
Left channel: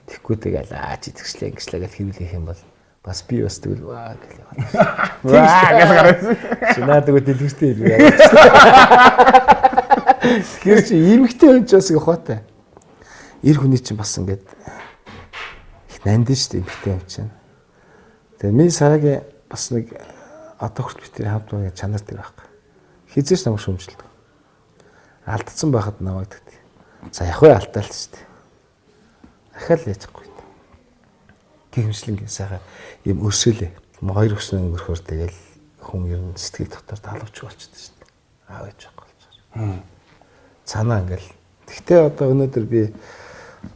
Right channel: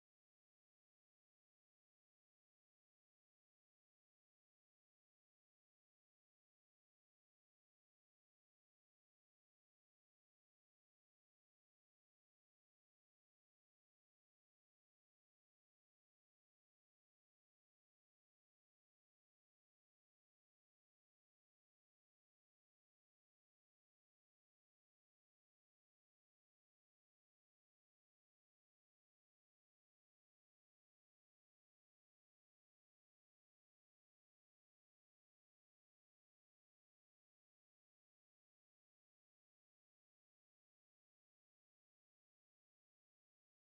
Тэгэхгүй тэгэл чи тэгшлээ ингэслээ гэж хэлүүлэх юм бол бас би бас тэгвэл ваа гэх юм. Ваа гэж гарсан. Чи наадаг дэлгэртэй юм яа. Тэгэхээр чи эмгтэй хүн ч бас ухаатай. Ир хүний чинь бас ингээд их нандин шүү дээ эмгтэй хүн чинь. Тэгээ миний сарагийн бас нэг одоо хүртэл би тэр хамт байгаа чанар тэр байхгүй. Хизээш намайг шүмжилдэг. Алдсан байхад намайг тэгдэг. За яг вэ алдаалт шүү дээ. Ахаал яахгүй. Гихмшлингийн сайхан юм өрсөлөө. Хоёр өснө өнгөрөхөр тэгэл хүн ер нь сэтгэл дотор талавч болчихсон шүү дээ. Аав ээж байхгүй болчихсон. Цанаа ингээл. Тэгтээ одоо өнөөдөр би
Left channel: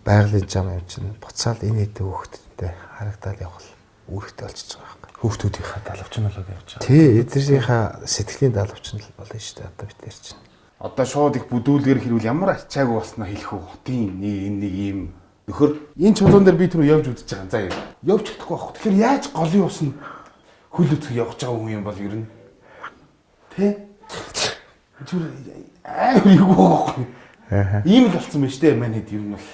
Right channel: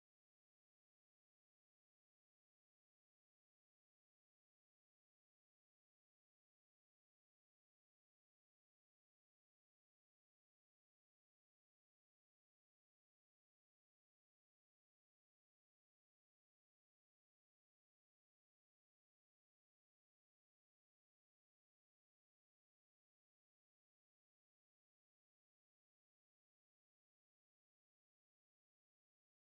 байгалийн зам юм чинь буцаал энэ хэдэн хүүхэдтэй харагдаад явбал үүрэгтэй болчихж байгаа байхгүй. Хүүхдүүдийнхаа далавч нь болоод явж байгаа. Тий, эдгээрийнхаа сэтгэлийн далавч нь болно шүү дээ одоо бид чинь. Одоо шууд их бүдүүлгээр хэрүүл ямар ачаагүй болсноо хэлэх үү? Хотын нэг ийм нөхөр энэ чулуун дээр би түрүү явж үзэж байгаа. За явж чадахгүй байх. Тэгэхээр яаж голын ус нь хөл өцгөө явж байгаа хүн юм бол ер нь тэ? Зүр амар юу байхгүй. Ийм л болсон байна шүү дээ манайд ер нь бол.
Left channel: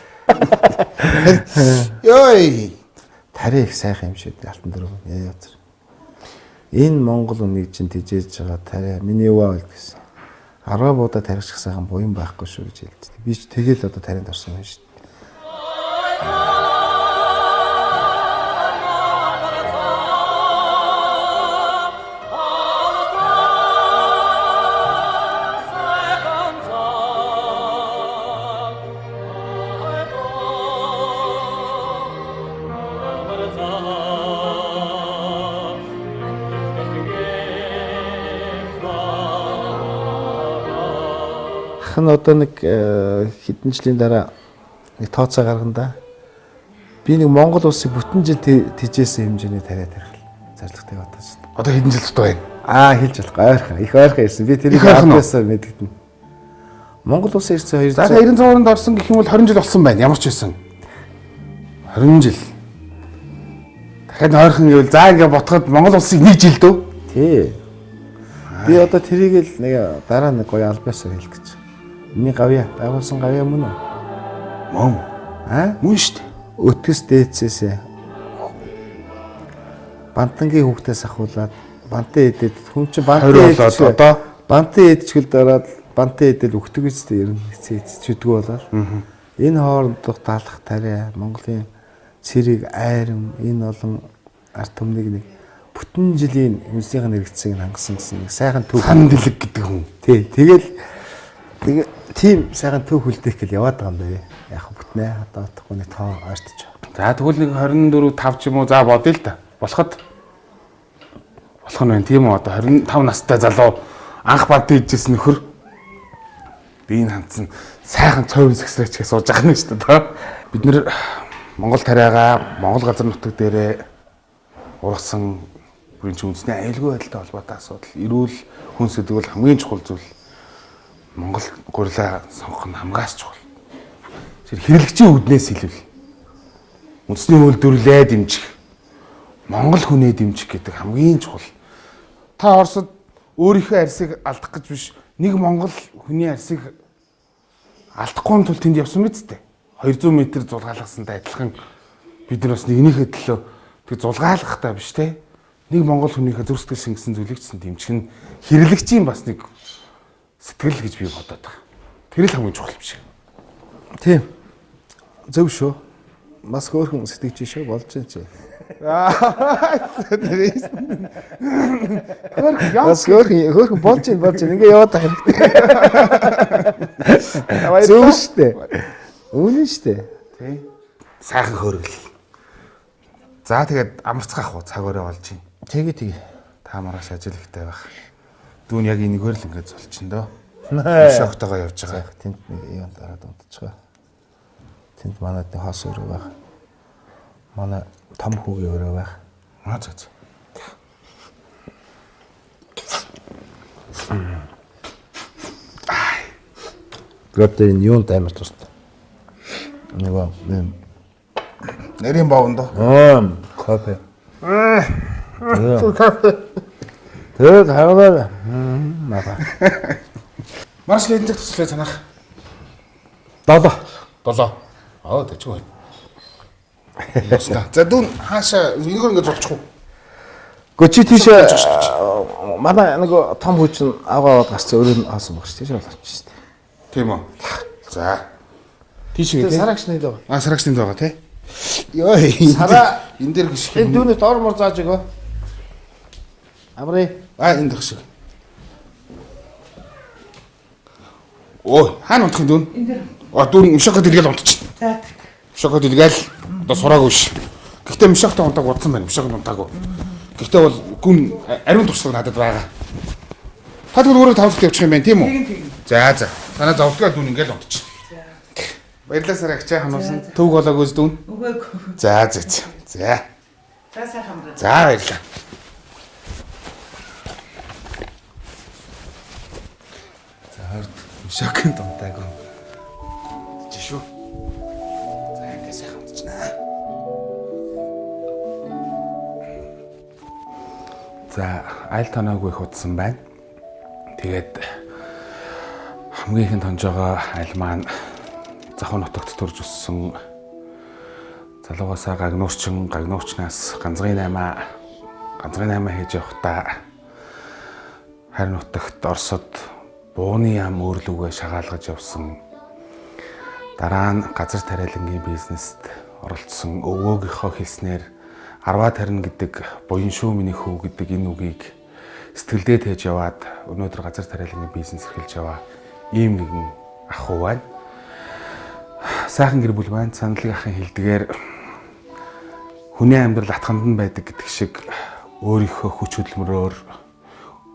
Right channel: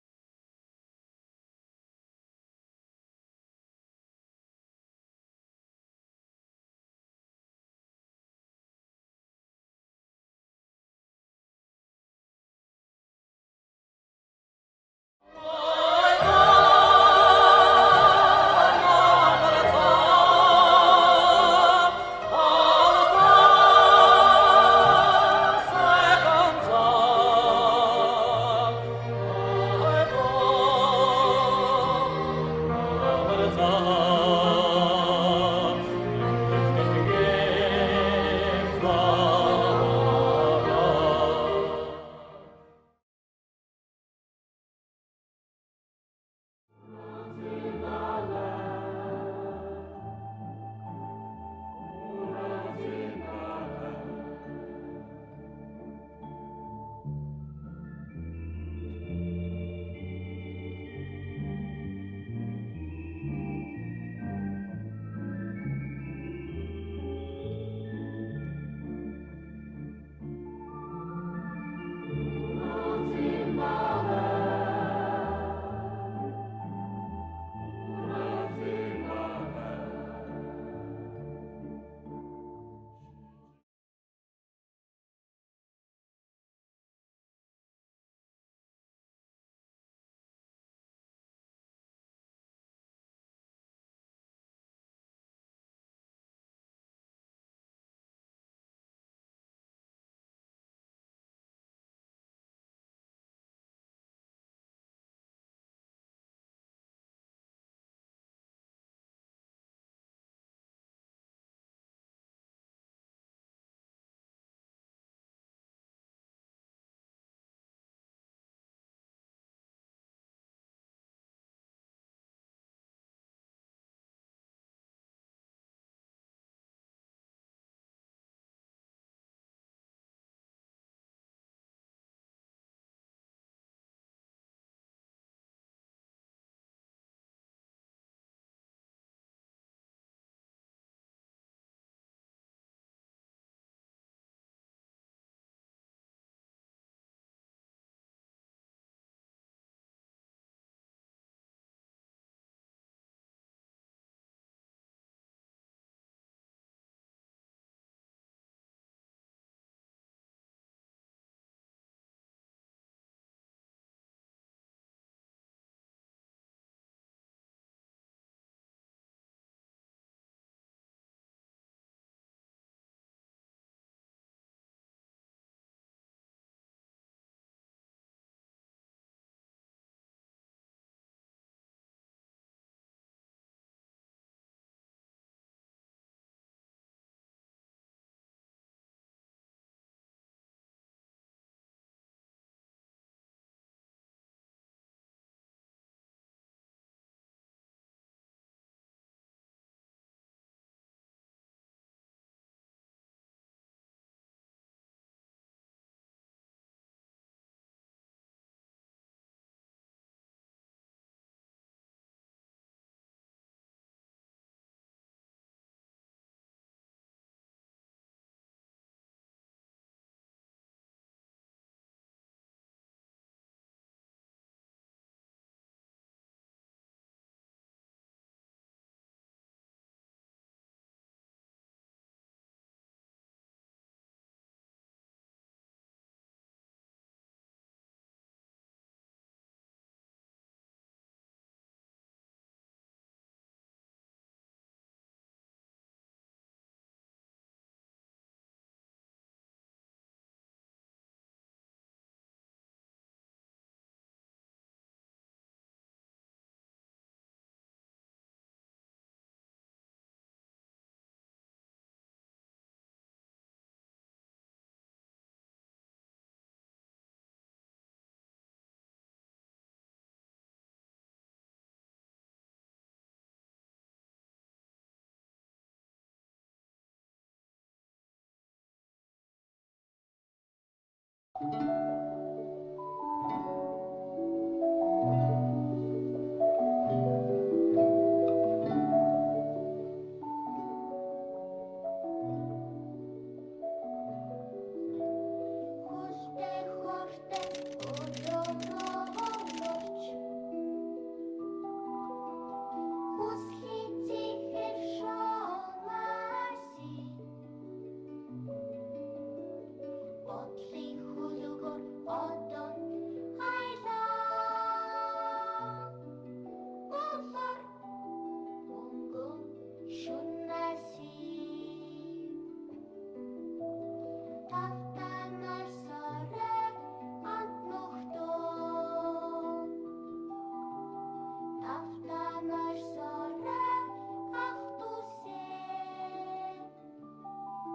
Йой. Тари их сайхан юм шиг алтан дөрөв яа яа. Энэ Монгол үнийг чинь тижээж байгаа тари миний юу аа гэсэн. Арабуудаа тарьчих сайхан буян байхгүй шүү гэж хэлдэг. Би ч тэгэл одоо таринд орсон юм шүү дээ. Одоо нэг хэдэн жилийн дараа нэг тооцоо гаргана да. Би нэг Монгол улсыг бүтэн жил тижээсэн хэмжээний тариа тарих зорилготой бодсон. Одоо хэдэн жил тутаа байна? Хэлж болох ойрхон. Их ойрхон ирсэн. Би тэрийг аваасаа мэдгэдэн. Монгол улсын ирсэн 200. За 90 цаанд орсон гэх юм бол 20 жил болсон байна. Ямар ч байсан. 20 жил. Дахиад ойрхон гэвэл за ингээ ботход Монгол улсыг нэг жил дөө. Тий. Би одоо тэрийг л нэг дараа нэг гоё албаасаа хэлэх гэж. Миний гавья, дагуулсан гавья мөн үү? Мөн. Мөн шүү дээ. Өтгөс дээдсээс бантангийн хүүхдээс ахуулаад бантан эдэд хүн чинь бантан болоод одоо бантан эдчгэлд ороод бантан эдэд өгдөг үстэй ер нь хэцээдчихдээ болоод энэ хоорондох талах тариа Монголын цэрэг айрам энэ олон ард түмнийг нэг бүтэн жилийн үнсийн хэрэгцээг хангасан гэсэн нэг сайхан төв сан дэлэг гэдэг хүн. Тий, тэгэл тийм сайхан төв хүлдээх гэл яваад байгаа юм байна. Яг бүтнээ одоо утгагүй нэг тоо ойртож байгаа. За тэгвэл нэг 24 5 ч юм уу за бодъё л та. Болох нь байна тийм үү одоо 25 настай залуу анх бад дийжсэн нөхөр би энэ хандсан сайхан цовын сэгсрээчгээ сууж байгаа юм шүү дээ. Бид нэр Монгол тариагаа Монгол газар нутаг дээрээ ургасан бүрийн ч үндэсний аюулгүй байдалтай холбоотой асуудал, эрүүл хүн сэдвэл хамгийн чухал зүйл. Монгол гурилаа сонгох нь хамгаас чухал. Тэр хэрэглэгчийн үүднээс хэлвэл үндэсний үйлдвэрлэлээ дэмжих, Монгол хүнээ дэмжих гэдэг хамгийн чухал. Та Оросд өөрийнхөө арьсыг алдах гэж биш, нэг Монгол хүний арьсыг алдахгүй тул тэнд явсан биз дээ. 200 м зулгаалгасантай адилхан бид нар бас нэгнийхээ төлөө тэг зулгаалгахтай биш те. Нэг монгол хүнийхээ зүрх сэтгэл шингэсэн зүйлийг ч дэмжих нь хэрэглэгчийн бас нэг сэтгэл гэж би бодоод байгаа. Тэр л хамгийн чухал юм шиг. Тийм. Зөв шүү. Бас хөөрхөн сэтгэж шүү болж байна чи. Хөөрхөн болж байна. Ингээ яваад байгаа хэрэгтэй. Зөв штэ. Үнэн штэ. Тий. Сайхан хөөргөл. За тэгээд амарцгаах уу цаг өрөө болж байна. Тэгээ. Та маргааш ажил ихтэй байх. Дүүн яг энэгээр л ингээд золчин дөө. Шоктойгоо явж байгаа. Тэнд нэг юм дараад унтчихгаа. Тэнд манай хос өрөө байх. Манай том хүүгийн өрөө байх. За. Гэртээ энэ юунд амар тустай. Нөгөө Нэрийн боовондоо. Кофе. Тэгээд хаагаар мага. Марш лэндэг туслаа санах. 7. Тэжгүй. За дүүн хаашаа энэгээр ингээд зулчих уу? Гэхдээ чи тийш манай нөгөө том хүчин аваад гарцсан өрөө нь хаасан багш тийш болооч шүү дээ. Тийм үү. За. Тийш үү. Сарагч нэг даа. Сарагчны байгаа тий. Йоо. Сара энэ дээр гიშг. энэ дүүнээ доор мор зааж өгөө. Амрын. Энэ гიშг. Ой, хаана унтах юм дүүн? Энд дээр. Дүүн мишокод илгээл унтчих. За. Мишокод илгээл одоо сураагүй ш. Гэхдээ мишоктой унтааг удсан байна. Мишокод унтаагүй. Гэхдээ бол гүн ариун туршлага надад байгаа. Та тэгвэл өөрөө тавцд явчих юм байна тийм үү? За. Танаа зовдгоо дүүн ингээл унтчих. Баярлалаа сарагч хамаарсан. Төвг болоогоос дүүн. Үгүй. За. За сайхан амраа. За баярлалаа. Мишокын дунтаагүй. Жишүү. За ингэ сайхан унтчихна. За айл тоноогүй их удсан байна. Тэгээд хамгийн ихэнд тонж байгаа айл маань Захын нутагт төрж өссөн залуугасаа гагнуучнаас ганцгийн 8 хийж явахдаа харин нутагт Оросод бууны ям өөрлөгөө шагаалгаж явсан. Дараа нь газар тариалангийн бизнест оролцсон өвөөгийнхөө хэлснээр арваа тарина гэдэг буян шүү миний хүү гэдэг энэ үгийг сэтгэлдээ тээж яваад өнөөдөр газар тариалангийн бизнес эхэлж яваа ийм нэгэн ах уу байна. Сайхан гэр бүл байна. Саналыг ахын хэлдгээр хүний амьдрал атханд нь байдаг гэдэг шиг өөрийнхөө хүч хөдөлмөрөөр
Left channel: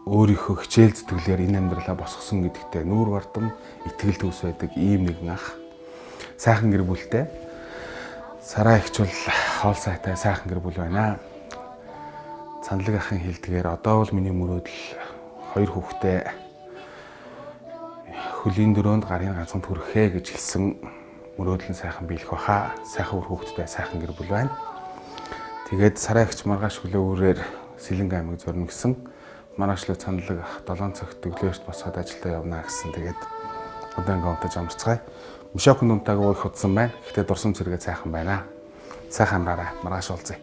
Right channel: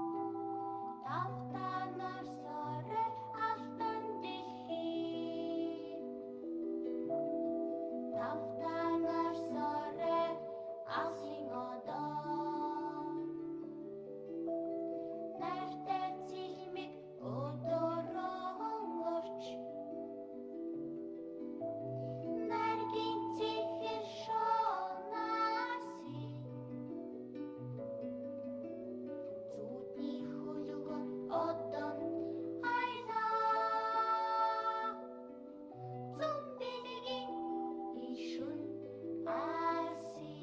өөрийнхөө хичээл зүтгэлээр энэ амьдралаа босгосон гэдэгтээ нүүр бардам итгэл төс байдаг ийм нэгэн ах. Сайхан гэр бүлтэй. Сараа ихч бол хоол сайтай сайхан гэр бүл байна. Саналыг ахын хэлдгээр одоо бол миний мөрөөдөл 2 хүүхэдтэй хөлийн 4-нд гарын ганцхан төрөхээ гэж хэлсэн мөрөөдөл нь сайхан биелэх баха. Сайхан хүүхэдтэй сайхан гэр бүл байна. Тэгээд сараа ихч маргааш хүлээ үрээр Сэлэнг аймаг зорно гэсэн маргаашлаг саналыг 7 цагт өглөөрт босоод ажилдаа явна гэсэн. Тэгээд удаан гомдож амарцгаая. Мишокын дүнтайгаа их удсан байна. Гэхдээ дурсам зэрэгээ сайхан байна. Сайхан амраарай. Маргааш уулзъя.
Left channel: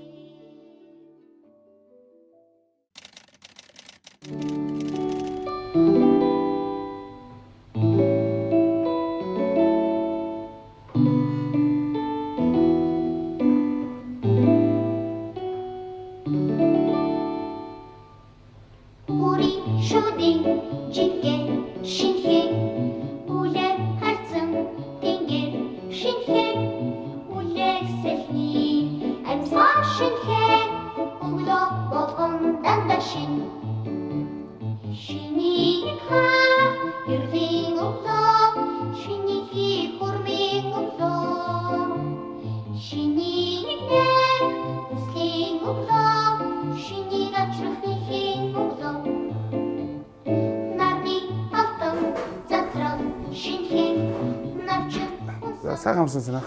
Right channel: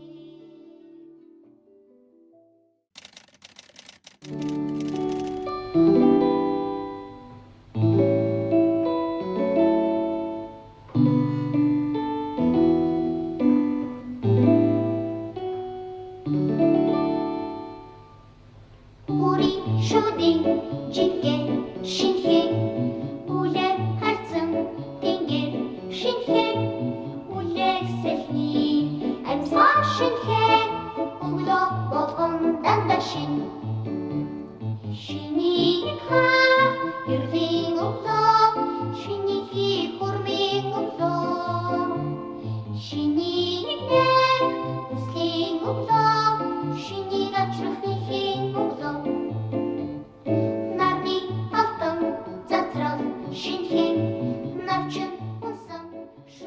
Сайхан амсан санаа.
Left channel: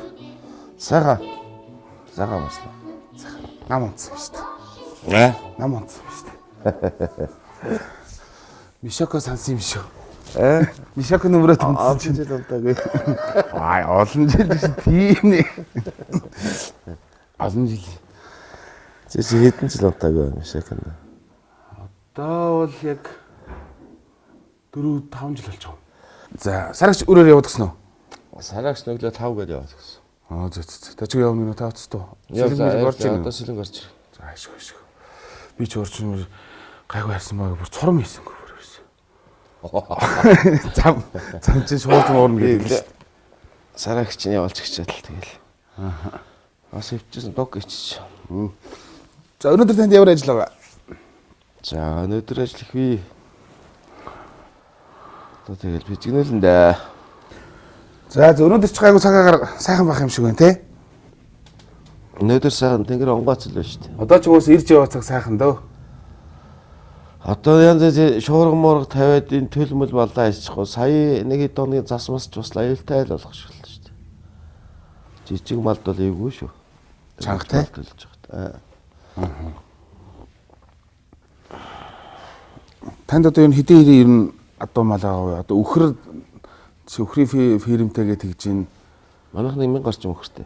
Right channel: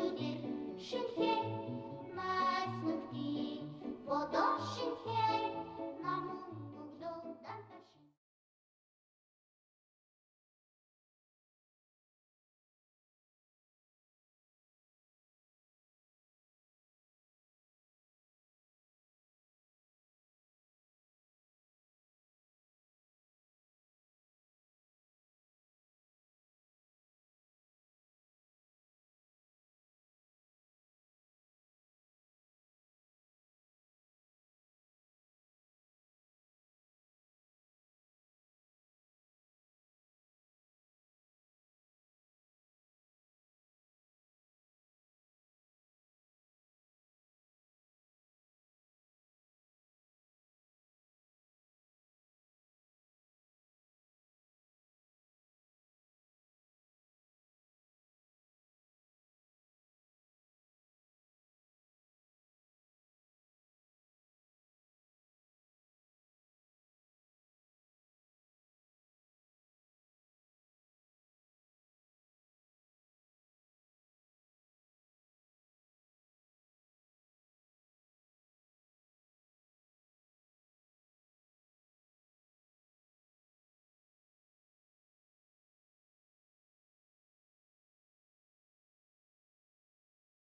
Сайхан амсан. Нам унтсан шүү дээ. Нам унтсан шүү дээ. Мишоко сансан юм шүү. Мишоко нөмрөө томцсон чинь дунтаагүй. олон жил тийм нэ. Олон жил. Чи хэдэн жил унтаагүй юм шакна. Одоо бол яг 4-5 жил болж байгаа. За, сарагч өрөөр яваад гисэн үү? Сарагч нүглээ 5 гэж яваад гэсэн. Зөө. Та чи явна нэ тавц туу. Одоо сэлэн гарч ир. За, ашиг. Би ч орчин гайгүй харсан баг бүр цором хийсэнгүй бүр ерөөс. Зам чи шууд уурна гэдэг л. Сарагч нь явуулж гिचэл тэгэл. Бас өвчсөн дог ичиж. За, өнөөдөр танд ямар ажил байгаа? За, өнөөдөр ажил их бий. Одоо тэгэл бичгнэлэн дээ. За, өнөөдөр ч гайгүй цагаагаар сайхан байх юм шиг байна те. Өнөөдөр сайхан тэнгэр онгоц л байна шүү дээ. Одоо ч уус ирж яваа цаг сайхан дөө. Одоо янз бүр шуурга муурга тавиад энэ төлмөл балаа иччихгүй. Сая нэг хэд оны засмас ч бас аюултай л болох шүү дээ. Жижиг малд бол эвгүй шүү. Чангатай төлж байгаа. Танд одоо энэ хэдийн ер нь адуу мал аа одоо өхрийн фирмтэйгээ тэгж ин манайх 1000 гарч өхөртэй.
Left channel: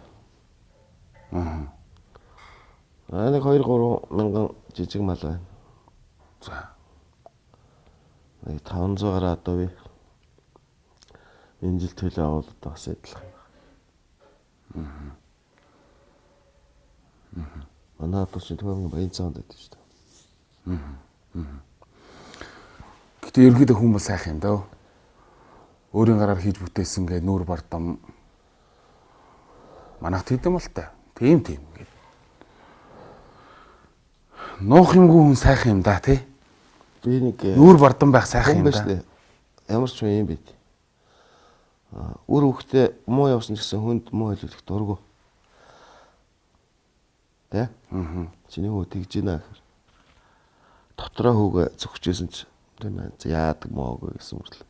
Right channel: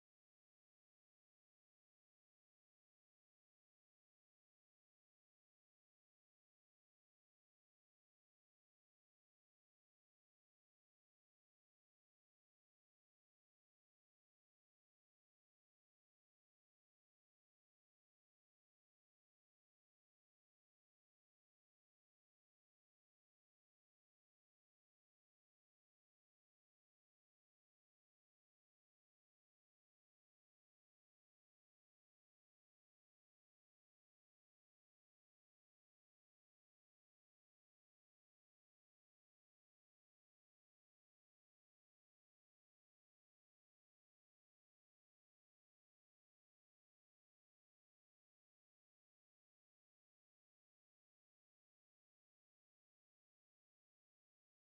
Нэг 2-3 мянган жижиг мал байна. За. Нэг 500 гараа одоо би энэ жил төлөө аваад бас адилхан. Манай одоо ч түүний баян цаанд байдаг шүү дээ. Гэтэ ерөнхийдөө хүн бол сайхан юм даа. Өөрийн гараар хийж бүтээсэн гэ нүүр бардам. Манайх тэдэм бол та. Тийм гэд. Нуух юмгүй хүн сайхан юм да тий. Би нэг нүүр бардам байх сайхан юм да. Ямар ч юм бэ. Үр хөхтэй муу явсан гэсэн хүнд муу хэлүүлэх дургу. Тэ? Чиний хөө тэгж ийна гэхээр. Дотроо хүүгээ зөвхөжсэн ч тийм яадаг моогүй гэсэн мэт.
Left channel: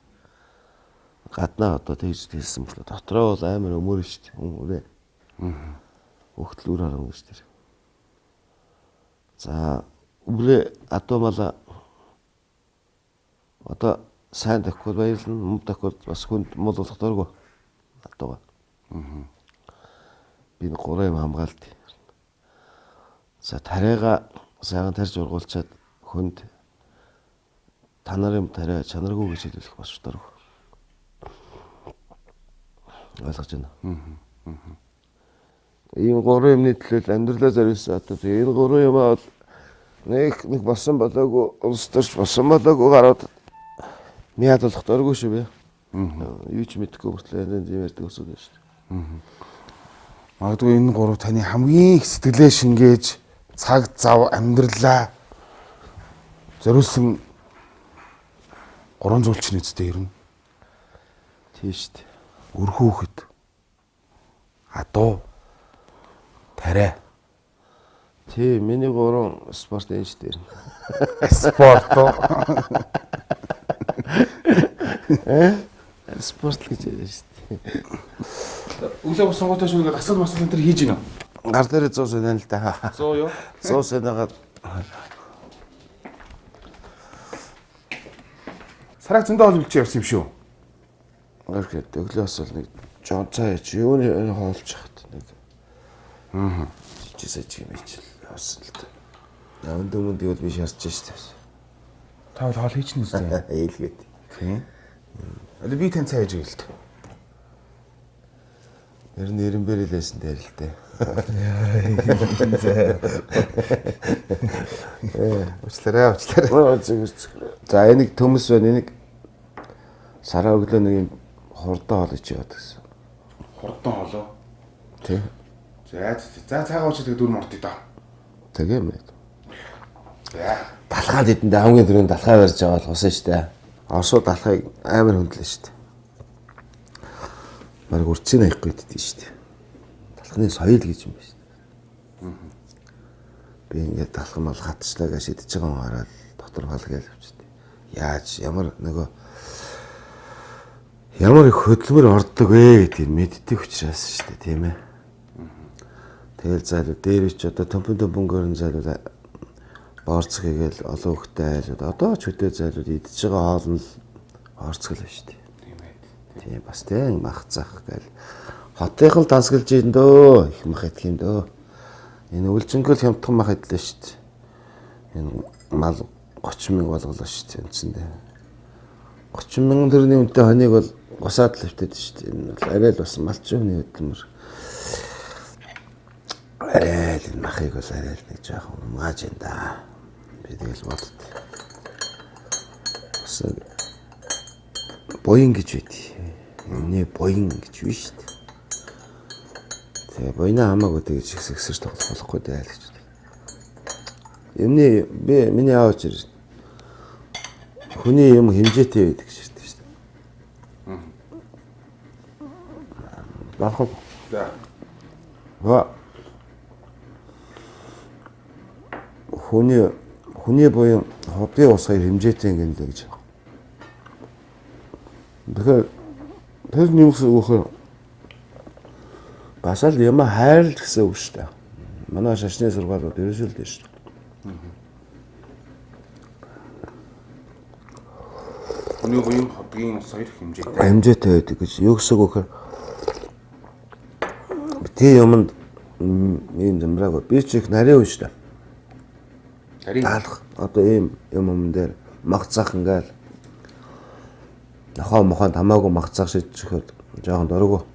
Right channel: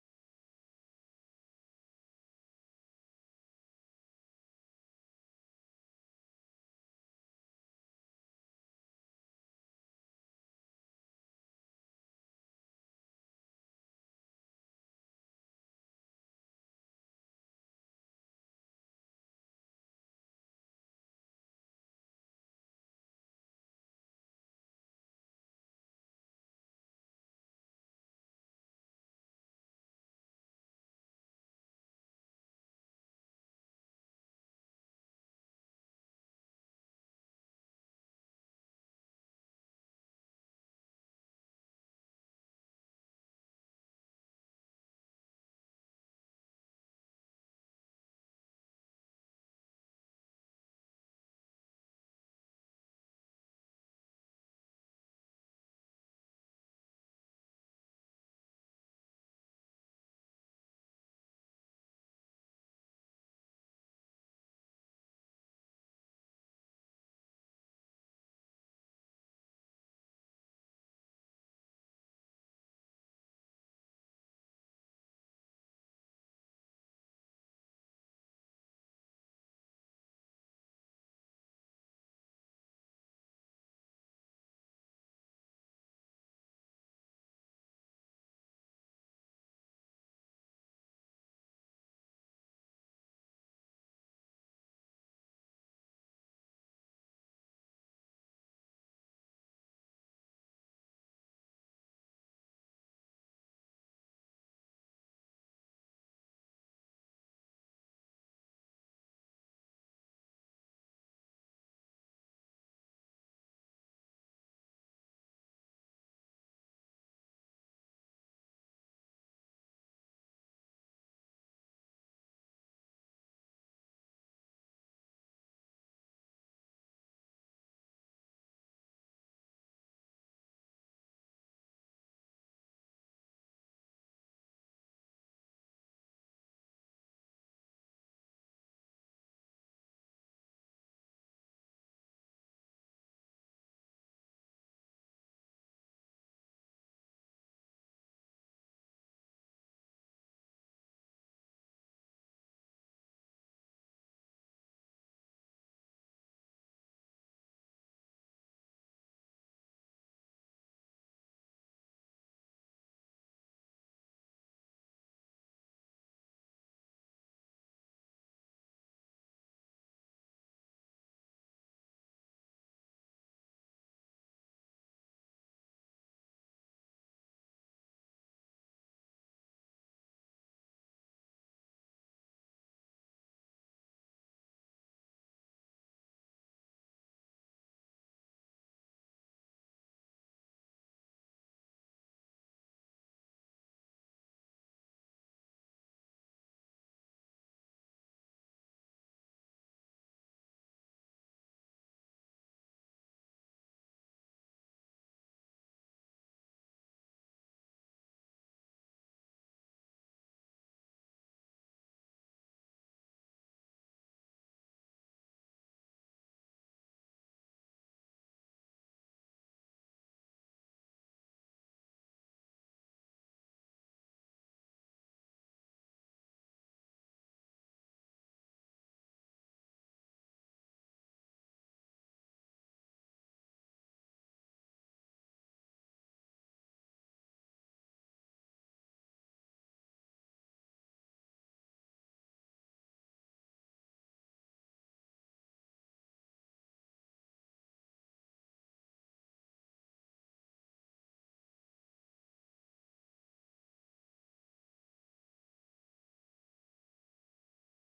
Гаднаа одоо тэгж хэлсэн мэт. Дотроо бол амар өмөр шүү дээ. Өмөрөө. Хөхтөл үр харам гэж тэр. За үрээ адуу мала одоо сайн тахгүй баярлна, муу тахгүй бас хүнд мул болох дургу. Адууга. Би 3 юм хамгаалт. За тариага сайхан тарьж ургуулчаад хүнд та нарын тариа чанаргүй гэж хэлүүлэх бас дургу. Ойлгож байна. Ийм 3 юмны төлөө амьдралаа зориулсан одоо энэ 3 юм бол нэг болсон болоогүй улс төрч болсон болоогүй гараад мяд болох дурггүй шүү бэ. Юу ч мэдэхгүй хүртэл энэ ярьдаг өсөд байна шүү дээ. Магадгүй энэ 3 таны хамгийн их сэтгэлээ шингээж цаг зав амьдралаа зориулсан 3 зүйл чинь үстэй ирнэ. Тийм шүү дээ. Өрхөөхөд адуу тариа. Тийм миний 3 спорт энэ шүү дээ. Спорт. Спорт гэж ярьж шүү дээ. Өглөө босон готош үгээд асал масал энэ хийж гинэ. Гар дээр 100 сая л да. 100 юу? 100 саягаар сараг зөндөө ол билж явсан юм шүү. Орхид өглөөс бол нэг жон цаа чи юуны хоолж хат нэг. Чи сэж юм чи явсан л да. Яванд өмнөд бол би шаарч штэ. Та бол хоол хийчихнэ үстэй. Ээлгээд. Тийм. Але би тань цаа хийж гэлт. Ер нь эренбэрэлсэн дээр л дээ. Уучлаарай. За энийг төмөс байна. Энийг сараа өглөө нэг юм хурдан хоол ич яваад гэсэн. Хурдан хоолоо. Тий. За цаагаа уучдаг дүр мордё доо. Тэгээ юм. За. Далхаад идэндээ хамгийн түрүүнд далхаа барьж байгаа бол усан штэ. Орсуу далхайг амар хөндлөө штэ. Бараг урцын аяхгүй иддэг штэ. Далхны соёл гэж юм байна штэ. Би ингээд далхан мал хатчлаа гэж идэж байгаа юм хараад дотор хол гээл авчихдээ. Яаж ямар их хөдөлмөр ордог вэ гэдгийг мэддэг учраас штэ тийм ээ. Тэгэл зайлуу дээр ч одоо төмпөнгөрн зайлуу боорцох хийгээл олон хөхтэй айлууд одоо ч хөдөө зайлууд идж байгаа хоол нь орцгол байна шүү дээ. Тийм ээ. Тийм бас тийм мах зах гээл хотынх л дансгалж ийн дөө их мах идэх юм дөө. Энэ үлжингөл хямдхан мах идлээ шүү дээ. Энэ мал 30 мянга болголоо шүү дээ үндсэндээ. 30 мянган төгрөгийн үнэтэй хоньыг бол гусаад л хөвтөд шүү дээ. Энэ бол арай л бас малчин хүний хөдөлмөр. Арай л энэ махыг бол арай л нэг жоохон угааж энэ да. Би тэгэл бодд. Бас боин гэж байд. Энэ боин гэж биш шүү дээ. Тэгээ боинаа хамаагүй тэгж ихсэж тоглох болохгүй дээ л гэж. Юмны би миний аавч ирсэн. Хүний юм хэмжээтэй байдаг ширтэй шүү дээ. Бахав. За. Хүний буян хобби ус хоёр хэмжээтэй юм гэж. Тэгэхээр тэр нэмс өгөхөөр бас л юм хайр гэсэн үг шүү дээ. Манай шашны сургаалууд ерөөсөө л дээ шүү дээ. Хүний буян хоббигийн ус хоёр хэмжээтэй. Хэмжээтэй байдаг гэж юу гэсэн үг вэ? Тэ юмд ийм замбраг би ч их нарийн шүү дээ. Нарийн алах одоо ийм юм дээр магцаах ингээл нохоо мохонд хамаагүй магцаах шийдчихээд жоохон дөрөв.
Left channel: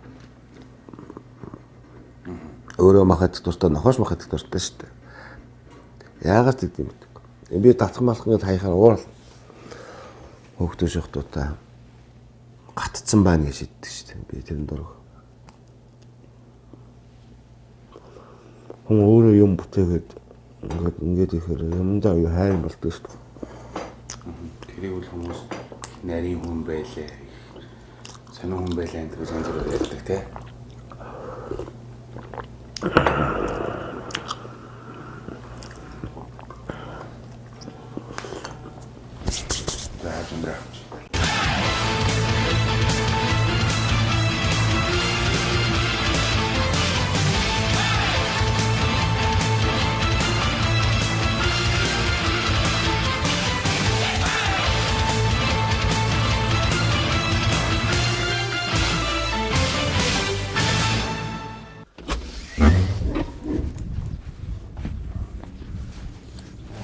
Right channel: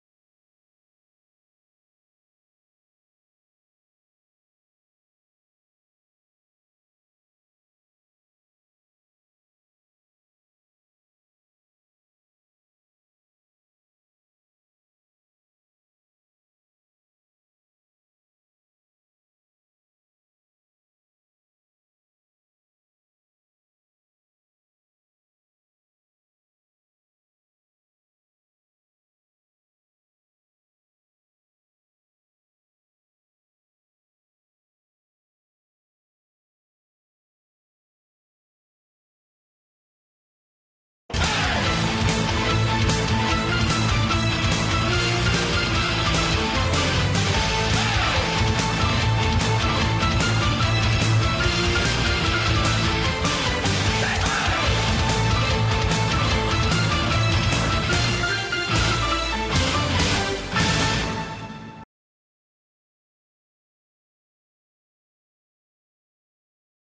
Өөрөө махад дуртай нохоош махад дуртай шүү дээ. Яагаад гэдэг юм бэ? Би татах малах ингээд хаяхаар уурал. Хөөхтөө шохтуудаа гатцсан байна гэж шийддэг шүү дээ. Би тэрэн дөрөв. Хүн өөрөө юм бүтээгээд ингээд ихээр юмдаа юу хайр болдог шүү дээ. Тэрийг бол хүмүүс нарийн хүн байлээ. Сонин хүн байлаа энэ гэж янз бүрээр ярьдаг тий.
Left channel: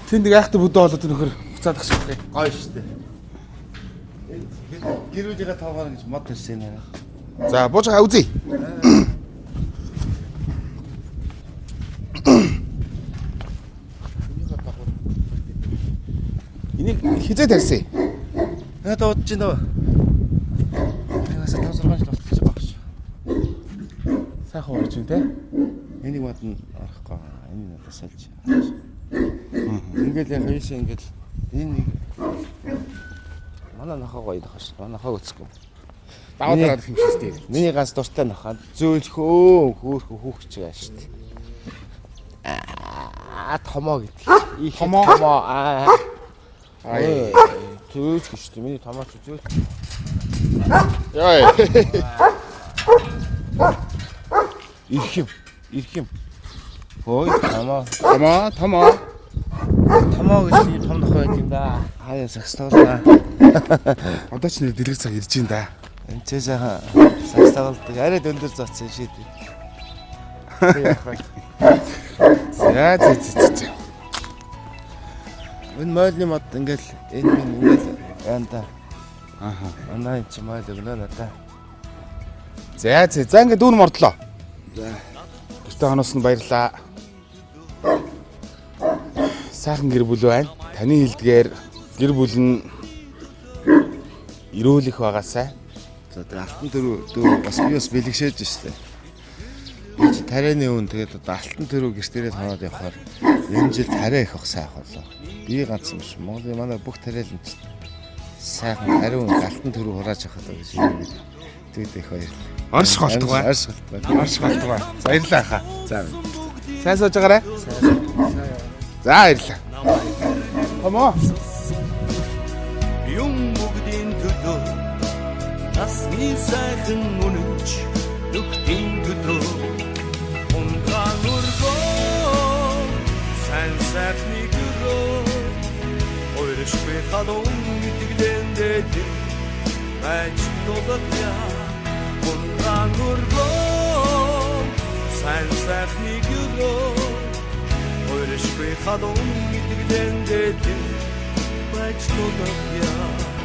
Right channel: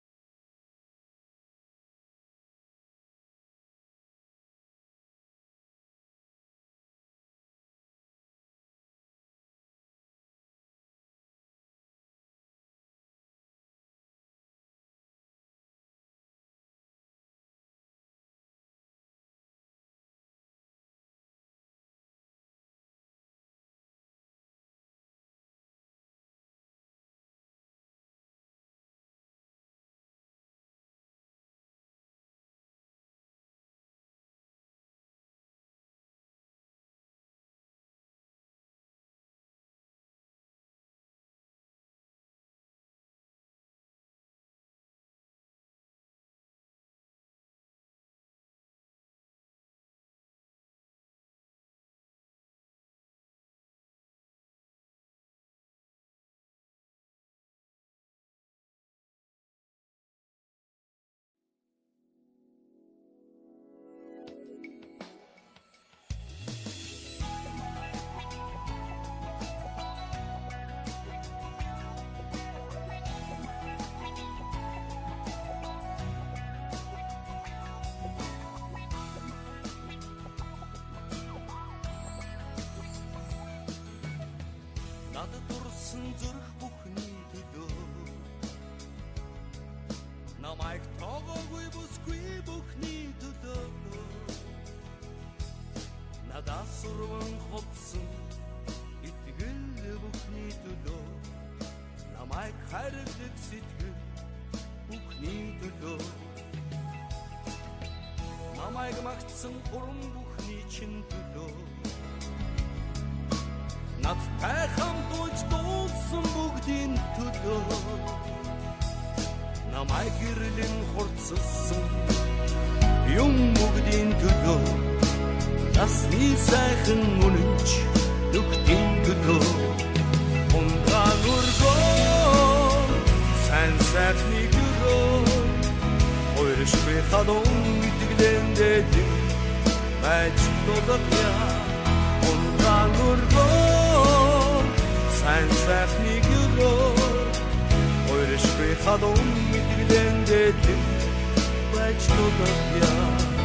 Тэнд нэг айхтай бүдэ болоод нөхөр буцаад ах шиг байна. Гоё шүү дээ. Гэрүүлгээ тавгаар гэж мод ирсэн юм аа. За бууж байгаа үзье. Энийг хизээ тарьсан. Надад удаж байна уу? Нээс 5-6 жил болчихж байгаа шүү. Сайхан урж байна те. Энийг модон арахгүй. Энэ надад сольж. Ингээл яг ийш ингээл энэ манай нохоо гоё нохоо. Манай нохоо өцгөө. Даваа дараад хэмжээстэй. Миний ганц дуртай нохоо зөөлхөө хүүхч байгаа шүү дээ. Томоо гэдэг. Их томоо. Зөөлх шүү дээ. Миний томооч зөөлх. Яа. Ирх юм. Ой, томоо гэж ийм том нохоо байт юм да. Хаяа сакстуулаа. Одоо ч нэг дэлгэр цаг ирж байна да. Энд ч сайхан сакстуулдаг. Арай өндөр зооцсон шийд. За. Энэ мойлны мод ингээл энэ ингээл янда. Манай ч мойл өгнө надаа. За ингээд дүүн мордлоо. Өстө хоноос нь баярлаа. Сайхан гэр бүл байна. Таны хэлдгээр гэр бүл нь эрүүл их байгаасай. За алтан дөрөв бас би бас бэлгшээж штэ. Би ч тарианы үн тэгээд одоо алтан дөрөв гэртээрээ таваад явахаар энэ жил тариа их ахсаа болоо. Би ганц юм шиг Монголын манай бүх тариал нь сайхан тариун алтан дөрөв хурааж авах юм. Тэгээд их баяр. Орш голтгоо. Баярлалаа хаа. За. Сайн сууж байгаарай. За баярлалаа. Томоо. Юм бүгдийн төлөө насны сайхан үнэнч нүхтийн төлөө унгаан өргөө сайн сайхны гөрөө ойршгүй халуун итгэлэндээ байж толгоя унгаан өргөө сайн сайхны гөрөө Яшгүй халуун мэдгэлэн дэтэн байж тулав яа